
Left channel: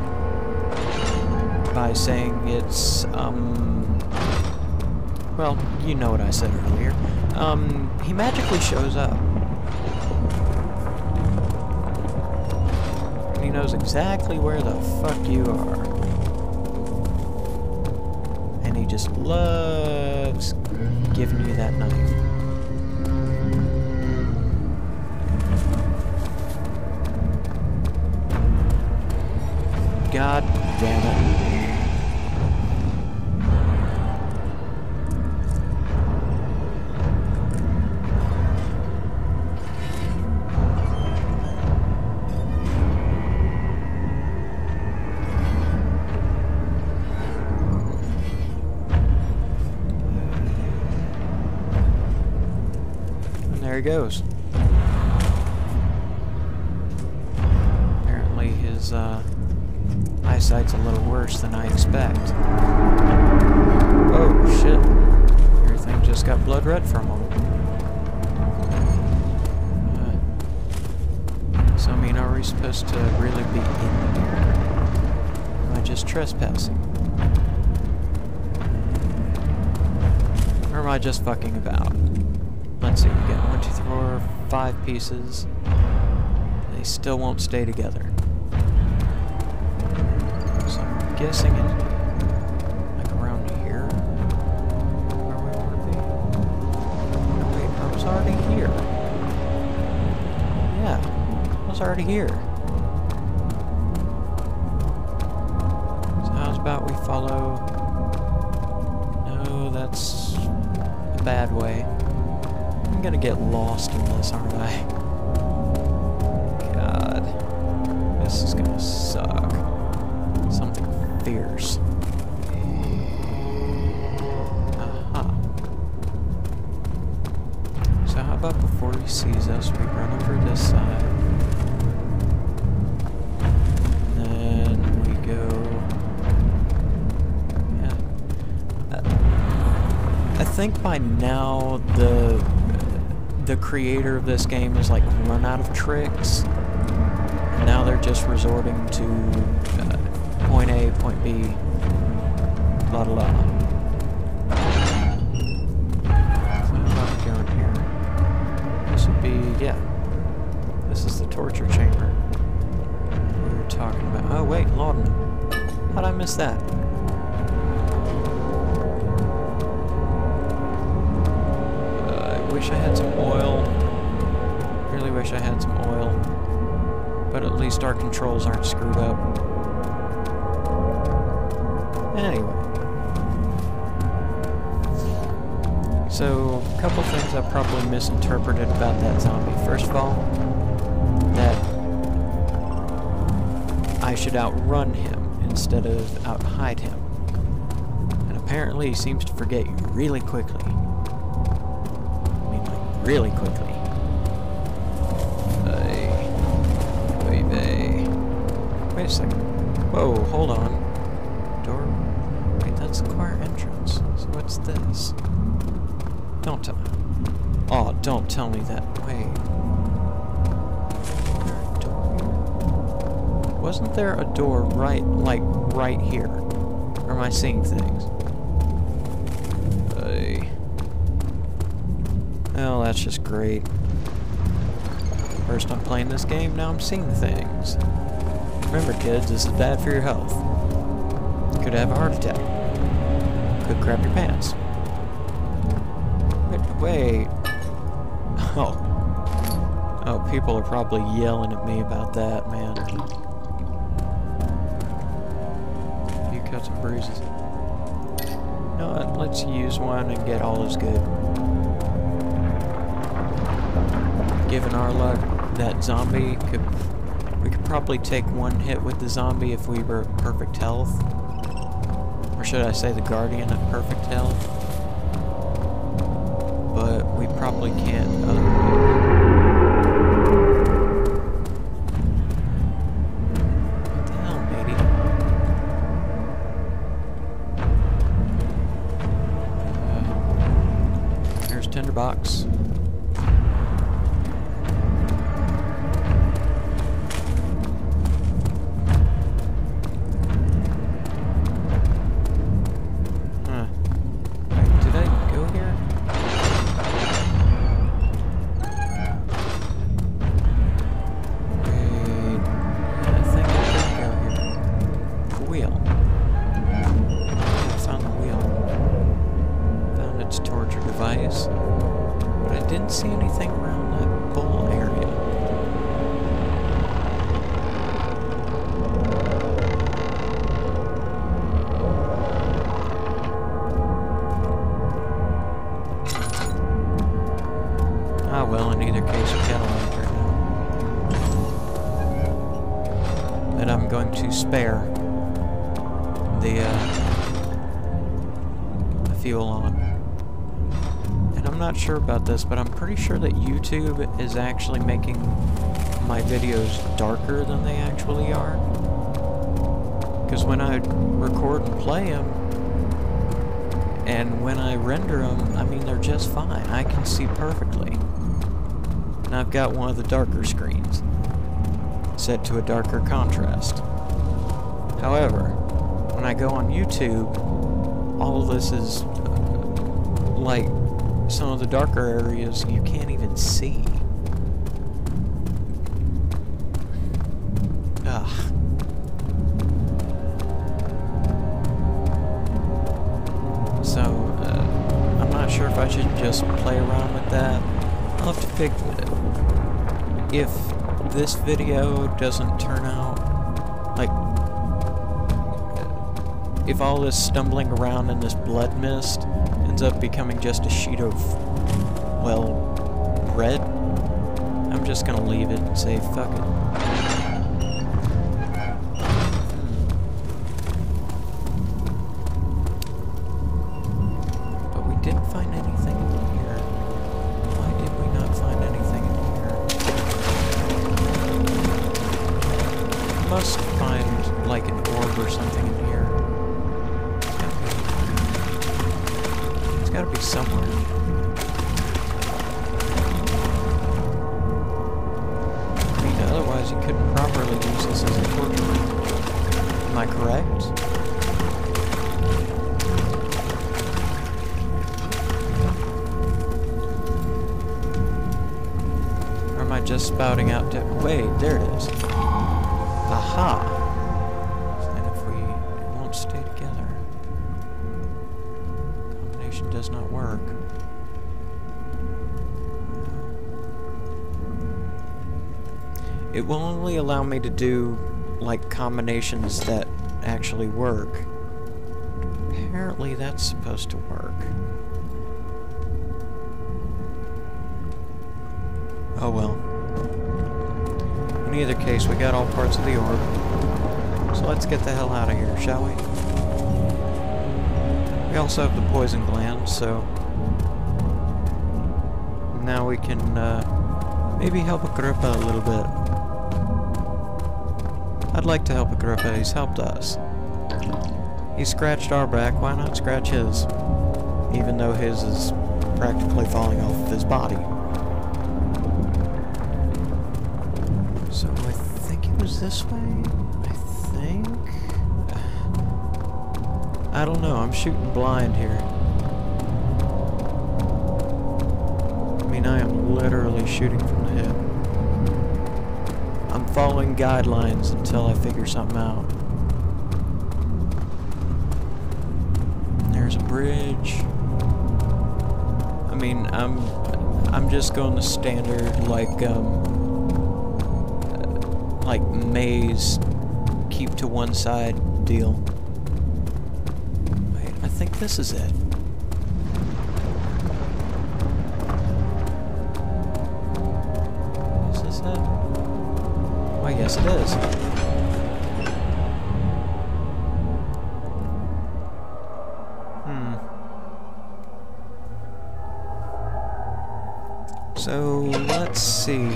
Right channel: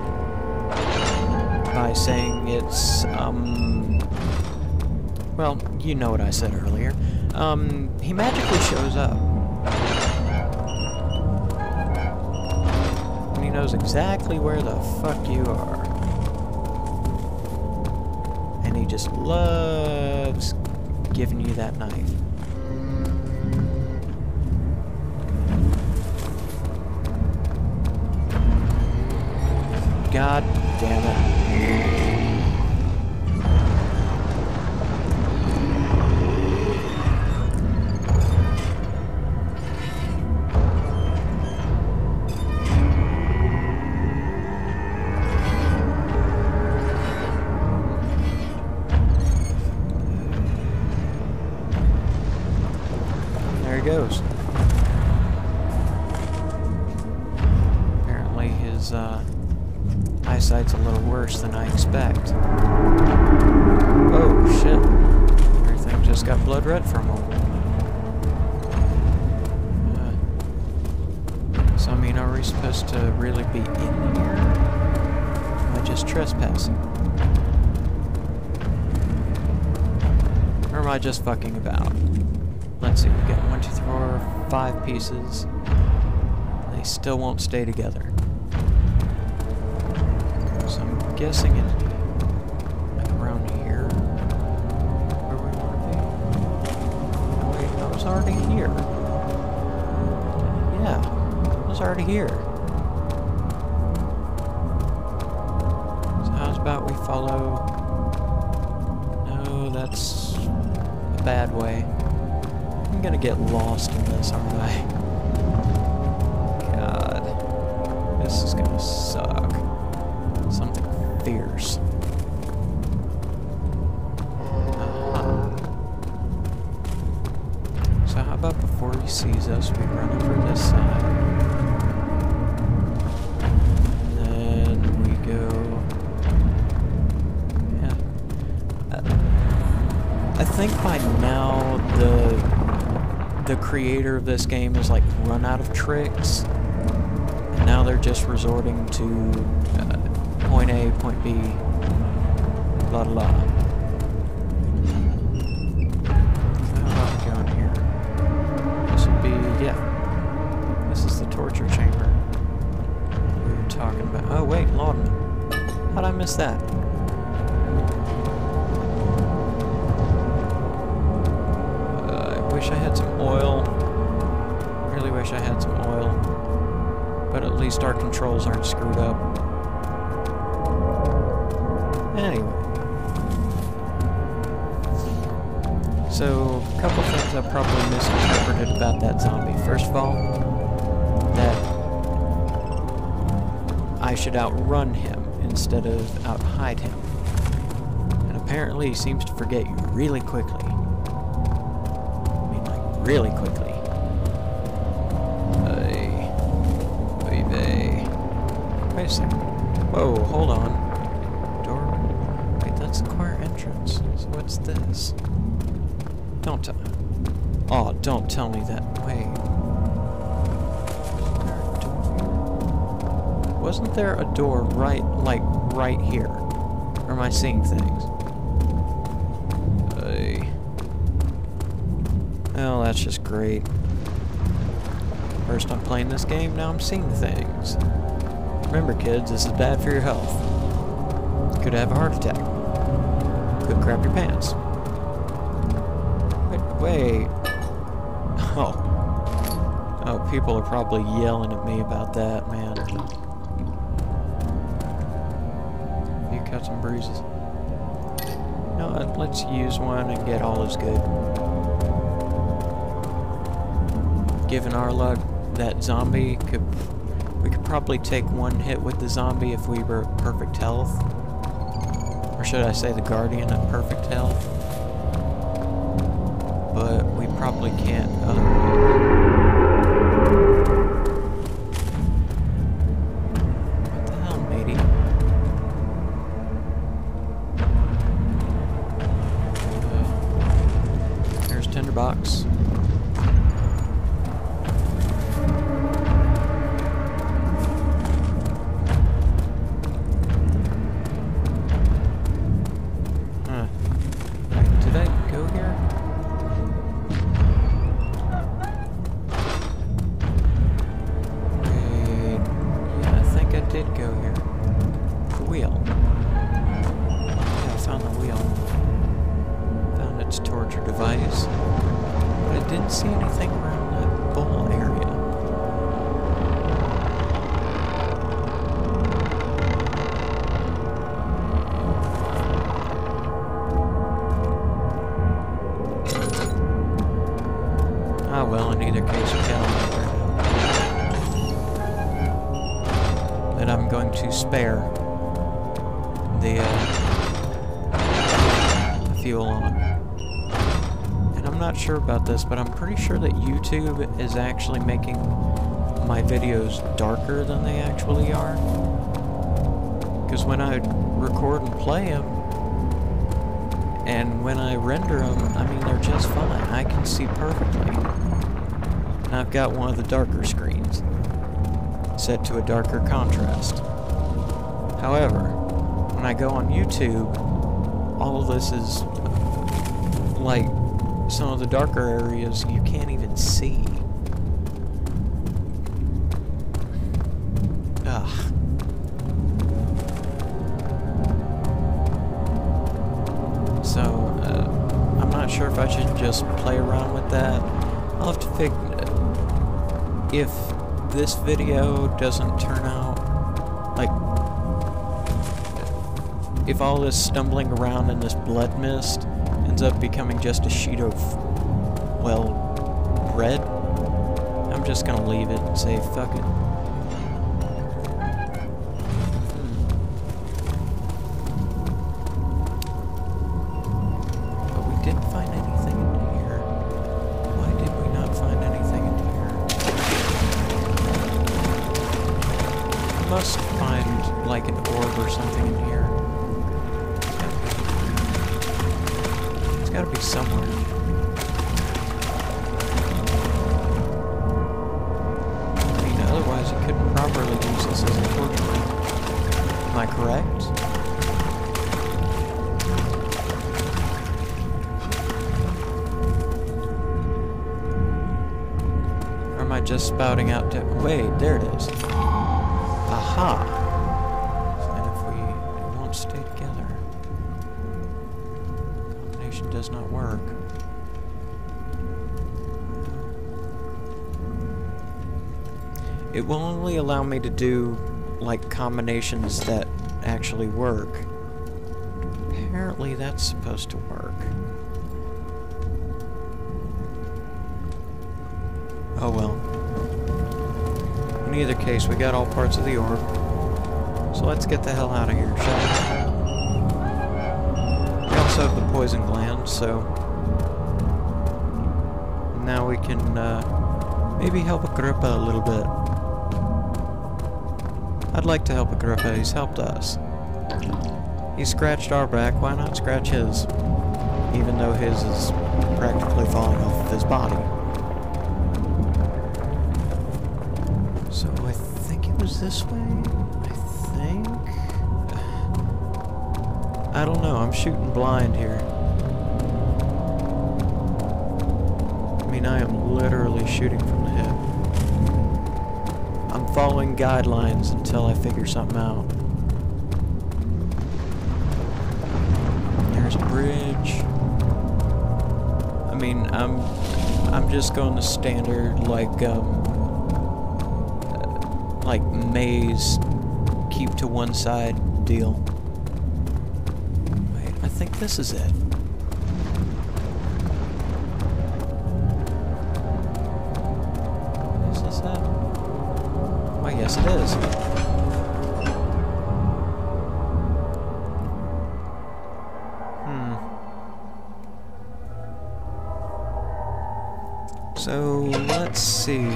by saying it's, well, you know what I said earlier. He magically shows up. And he knows exactly where the fuck you are. And he just loves giving you that knife. God damn it. There he goes. Apparently his eyesight's a little worse than I expect. Oh shit. Everything just got blood red for a moment. So I mean, are we supposed to really be in here? Am I just trespassing? Or am I just fucking about? Let's see, we got 1, 2, 3, 4, 5 pieces. They still won't stay together. So I'm guessing it's like around here where we want to be. Oh wait, I was already here. Yeah, I was already here. So how's about we follow... No, that's a bad way. I'm gonna get lost in this, aren't I? God. This is gonna suck. Something fierce. Aha. So how about before he sees us, we run over this side. And then we go... Yeah. I think by now the creator of this game has like run out of tricks, and now they're just resorting to point A, point B, blah blah blah. So how about we go in here? This would be, yeah, this is the torture chamber we were talking about. Oh wait, laudanum. How'd I miss that? Wish I had some oil. Really wish I had some oil. But at least our controls aren't screwed up. Anyway. So, a couple things I probably misinterpreted about that zombie. First of all, that should outrun him instead of out-hide him. And apparently he seems to forget you really quickly. I mean, like, really quickly. Wait a second. Whoa, hold on. Door. Wait, that's the choir entrance. So what's this? Don't tell. Oh, don't tell me that. Wait. Wasn't there a door right here? Or am I seeing things? Well, that's just great. First I'm playing this game, now I'm seeing things. Remember kids, this is bad for your health. You could have a heart attack. Could crap your pants. Wait. Oh, people are probably yelling at me about that, man. You cuts and bruises. You know what? Let's use one and get all is good. Given our luck, that zombie we could probably take one hit with the zombie if we were at perfect health. Or should I say the guardian at perfect health? But we probably can't otherwise. What the hell, matey? Here's Tinderbox. But I didn't see anything around that bowl area. Ah well, in either case we got on there now. That I'm going to spare the fuel on. I'm not sure about this, but I'm pretty sure that YouTube is actually making my videos darker than they actually are. Because when I record and play them, and when I render them, I mean, they're just fine. I can see perfectly. And I've got one of the darker screens set to a darker contrast. However, when I go on YouTube, all of this is like some of the darker areas you can't even see. Ugh. So, I'm not sure if I should just play around with that. I'll have to figure if this video doesn't turn out like if all this stumbling around in this blood mist ends up becoming just a sheet of, well, red, I'm just gonna leave it and say fuck it. But we didn't find anything in here. Why did we not find anything in here? Must find like an orb or something in here. It's gotta be somewhere. I mean, otherwise you couldn't properly use this as a torture room. Am I correct? Or am I just spouting out to... Wait, there it is. Aha! And if it won't stay together. Does not work. It will only allow me to do like combinations that actually work. Apparently that's supposed to work. Oh well. In either case, we got all parts of the orb. So let's get the hell out of here, shall we? We also have the poison gland, so now we can maybe help Agrippa a little bit. I'd like to help Agrippa. He's helped us. He scratched our back. Why not scratch his? Even though his is practically falling off of his body. So I think it was this way? I think? I don't know. I'm shooting blind here. I mean, I am literally shooting from the hip. I'm following guidelines until I figure something out. There's a bridge. I mean, I'm just going the standard like maze, keep to one side deal. Wait, I think this is it. Is this it? Why, yes it is. So, let's see.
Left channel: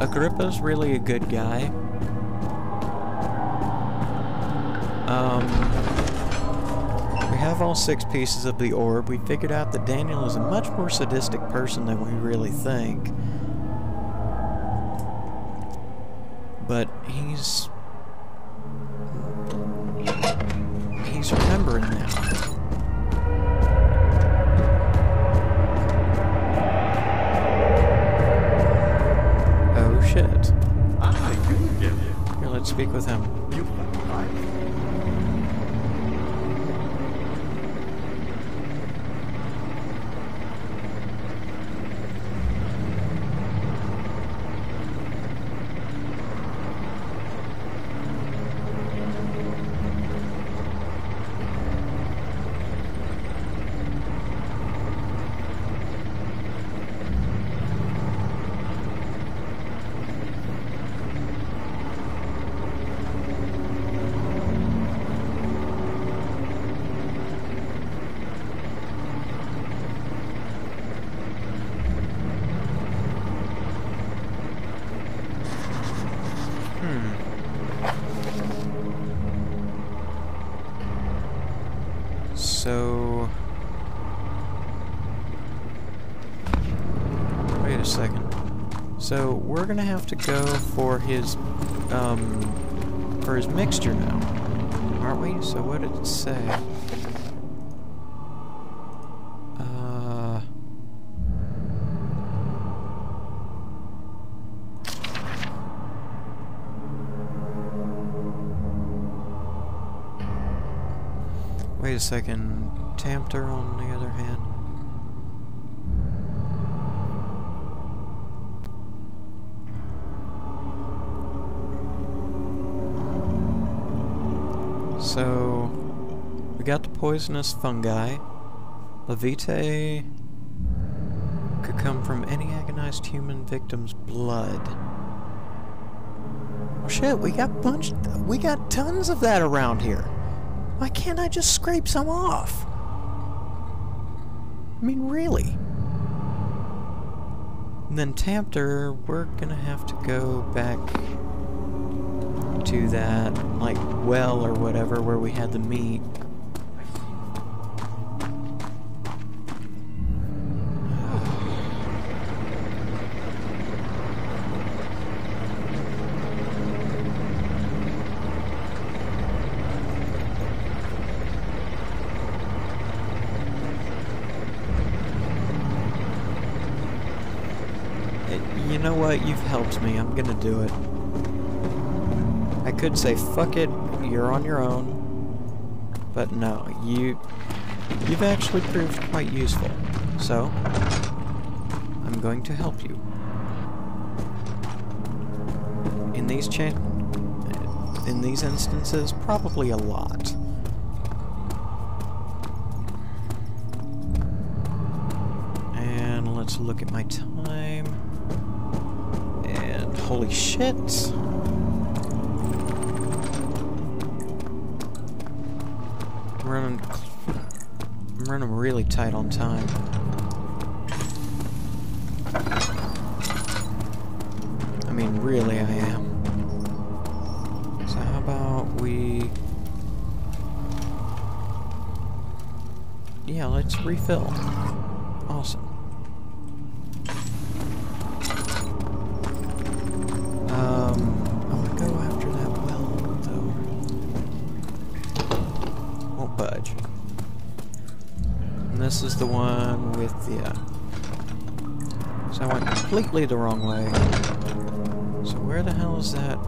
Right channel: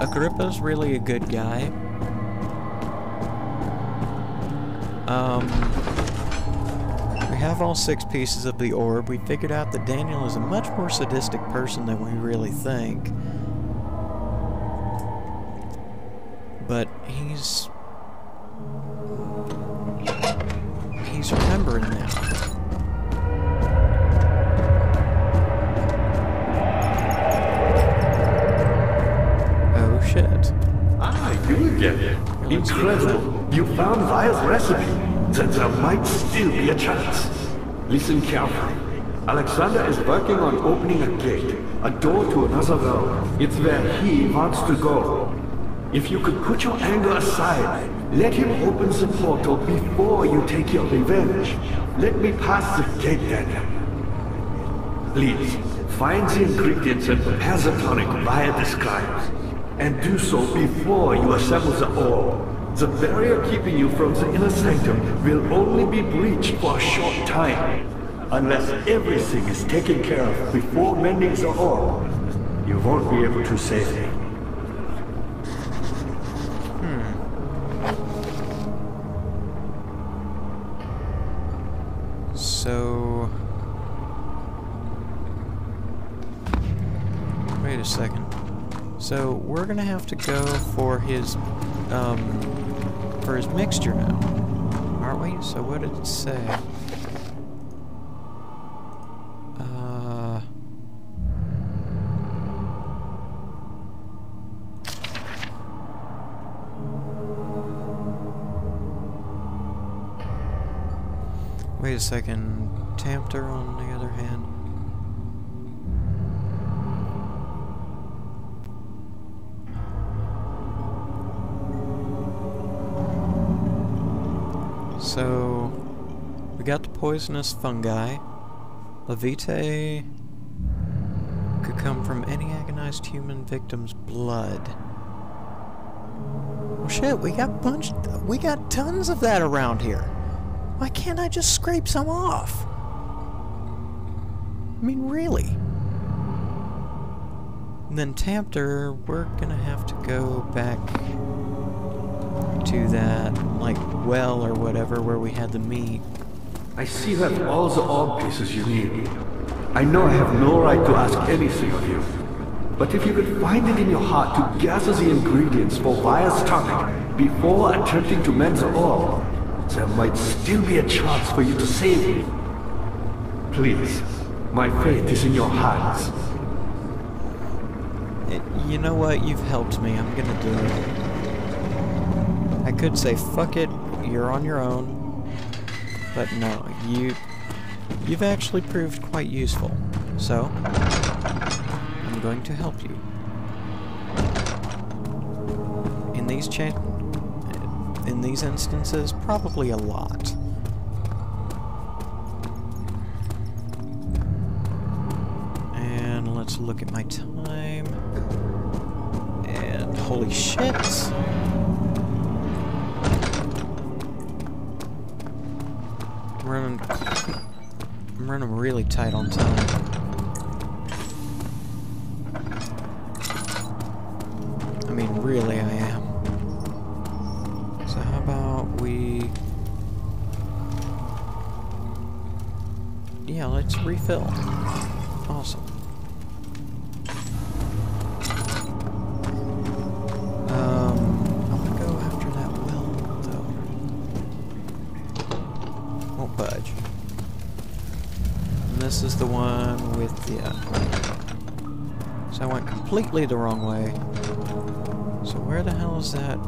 Agrippa's really a good guy. We have all 6 pieces of the orb. We figured out that Daniel is a much more sadistic person than we really think. But he's remembering now. Shit. Ah, you again. Here, let's speak with him. You found Vile's recipe. There might still be a chance. Listen carefully. Alexander is working on opening a gate, a door to another realm. It's where he wants to go. If you could put your anger aside, let him open the portal before you take your revenge. Let me pass the gate then. Please, find the ingredients and prepare the tonic via describes. And do so before you assemble the orb. The barrier keeping you from the inner sanctum will only be breached for a short time. Unless everything is taken care of before mending the orb, you won't be able to save him. So... wait a second. So we're gonna have to go for his mixture now, aren't we? So what did it say? Wait a second. Tamter, on the other hand. So, we got the poisonous fungi. Levite could come from any agonized human victim's blood. Well, shit, we got tons of that around here. Why can't I just scrape some off? I mean, really? And then Tamter, we're gonna have to go back to that, like, well or whatever where we had the meat. I see you have all the orb pieces you need. I know I have no right to ask anything of you. But if you could find it in your heart to gather the ingredients for Vile's tonic before attempting to mend the orb, there might still be a chance for you to save me. Please, my fate is in your hands. You know what? You've helped me. I'm gonna do it. I could say, fuck it, you're on your own. But no, you've actually proved quite useful. So, I'm going to help you. In these instances, probably a lot. And let's look at my time. And Holy shit! I'm running really tight on time. I mean, really, I am. So how about we... Yeah, let's refill. Awesome. I want to go after that well, though. Won't budge. And this is the one with the... So I went completely the wrong way. So where the hell is that,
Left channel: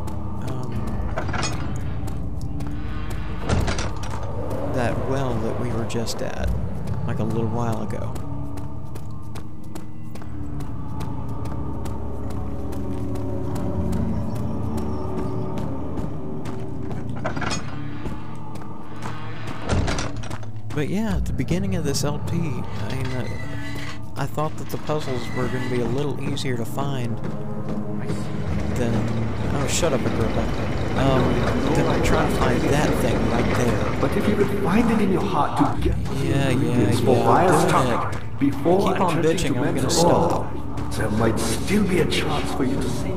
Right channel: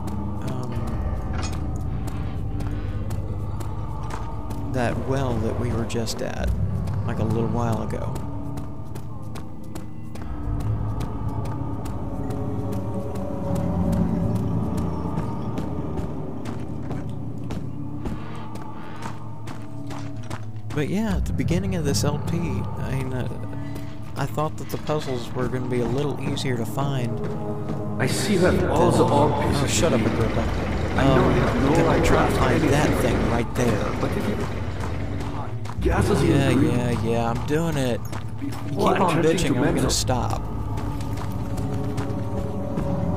that well that we were just at, like a little while ago? But yeah, at the beginning of this LP, I thought that the puzzles were going to be a little easier to find. I see that all Shut up, Agrippa. Then I'm trying to find that thing right there. But if you would find it in your heart to gather the ingredients for I'm doing it. before Keep on bitching, I'm gonna stop. There might still be a chance for you to see.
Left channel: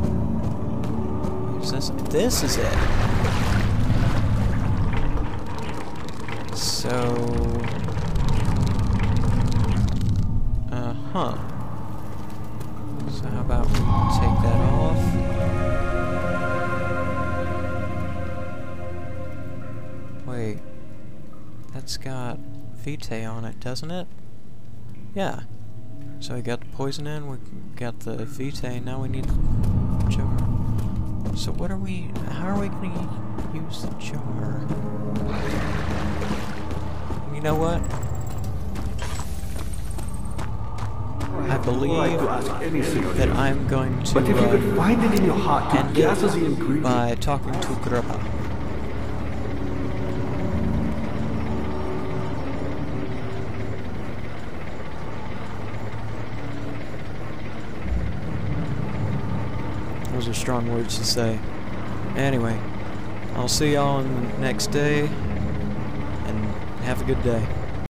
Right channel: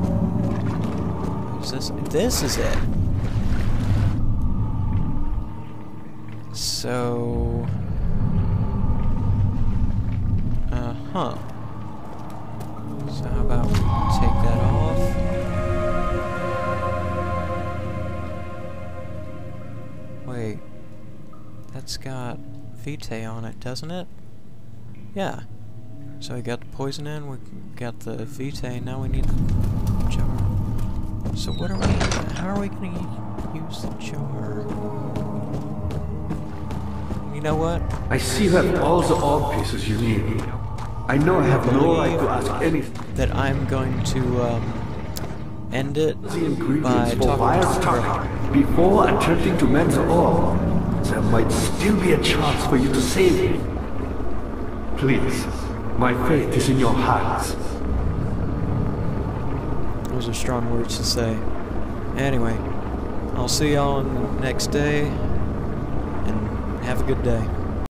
What is this? This is it. So... huh. So how about we take that off? Wait. That's got Vitae on it, doesn't it? Yeah. So we got the poison in, we got the Vitae, now we need the jar. So what are we... how are we gonna use the jar? You know what? I see that all the orb pieces you need. I know I have no right to ask anything. That I'm going to end it by talking to Agrippa. Before attempting to mend the orb, there might still be a chance for you to save me. Please, my fate is in your hands. Those are strong words to say. Anyway, I'll see y'all on the next day, and have a good day.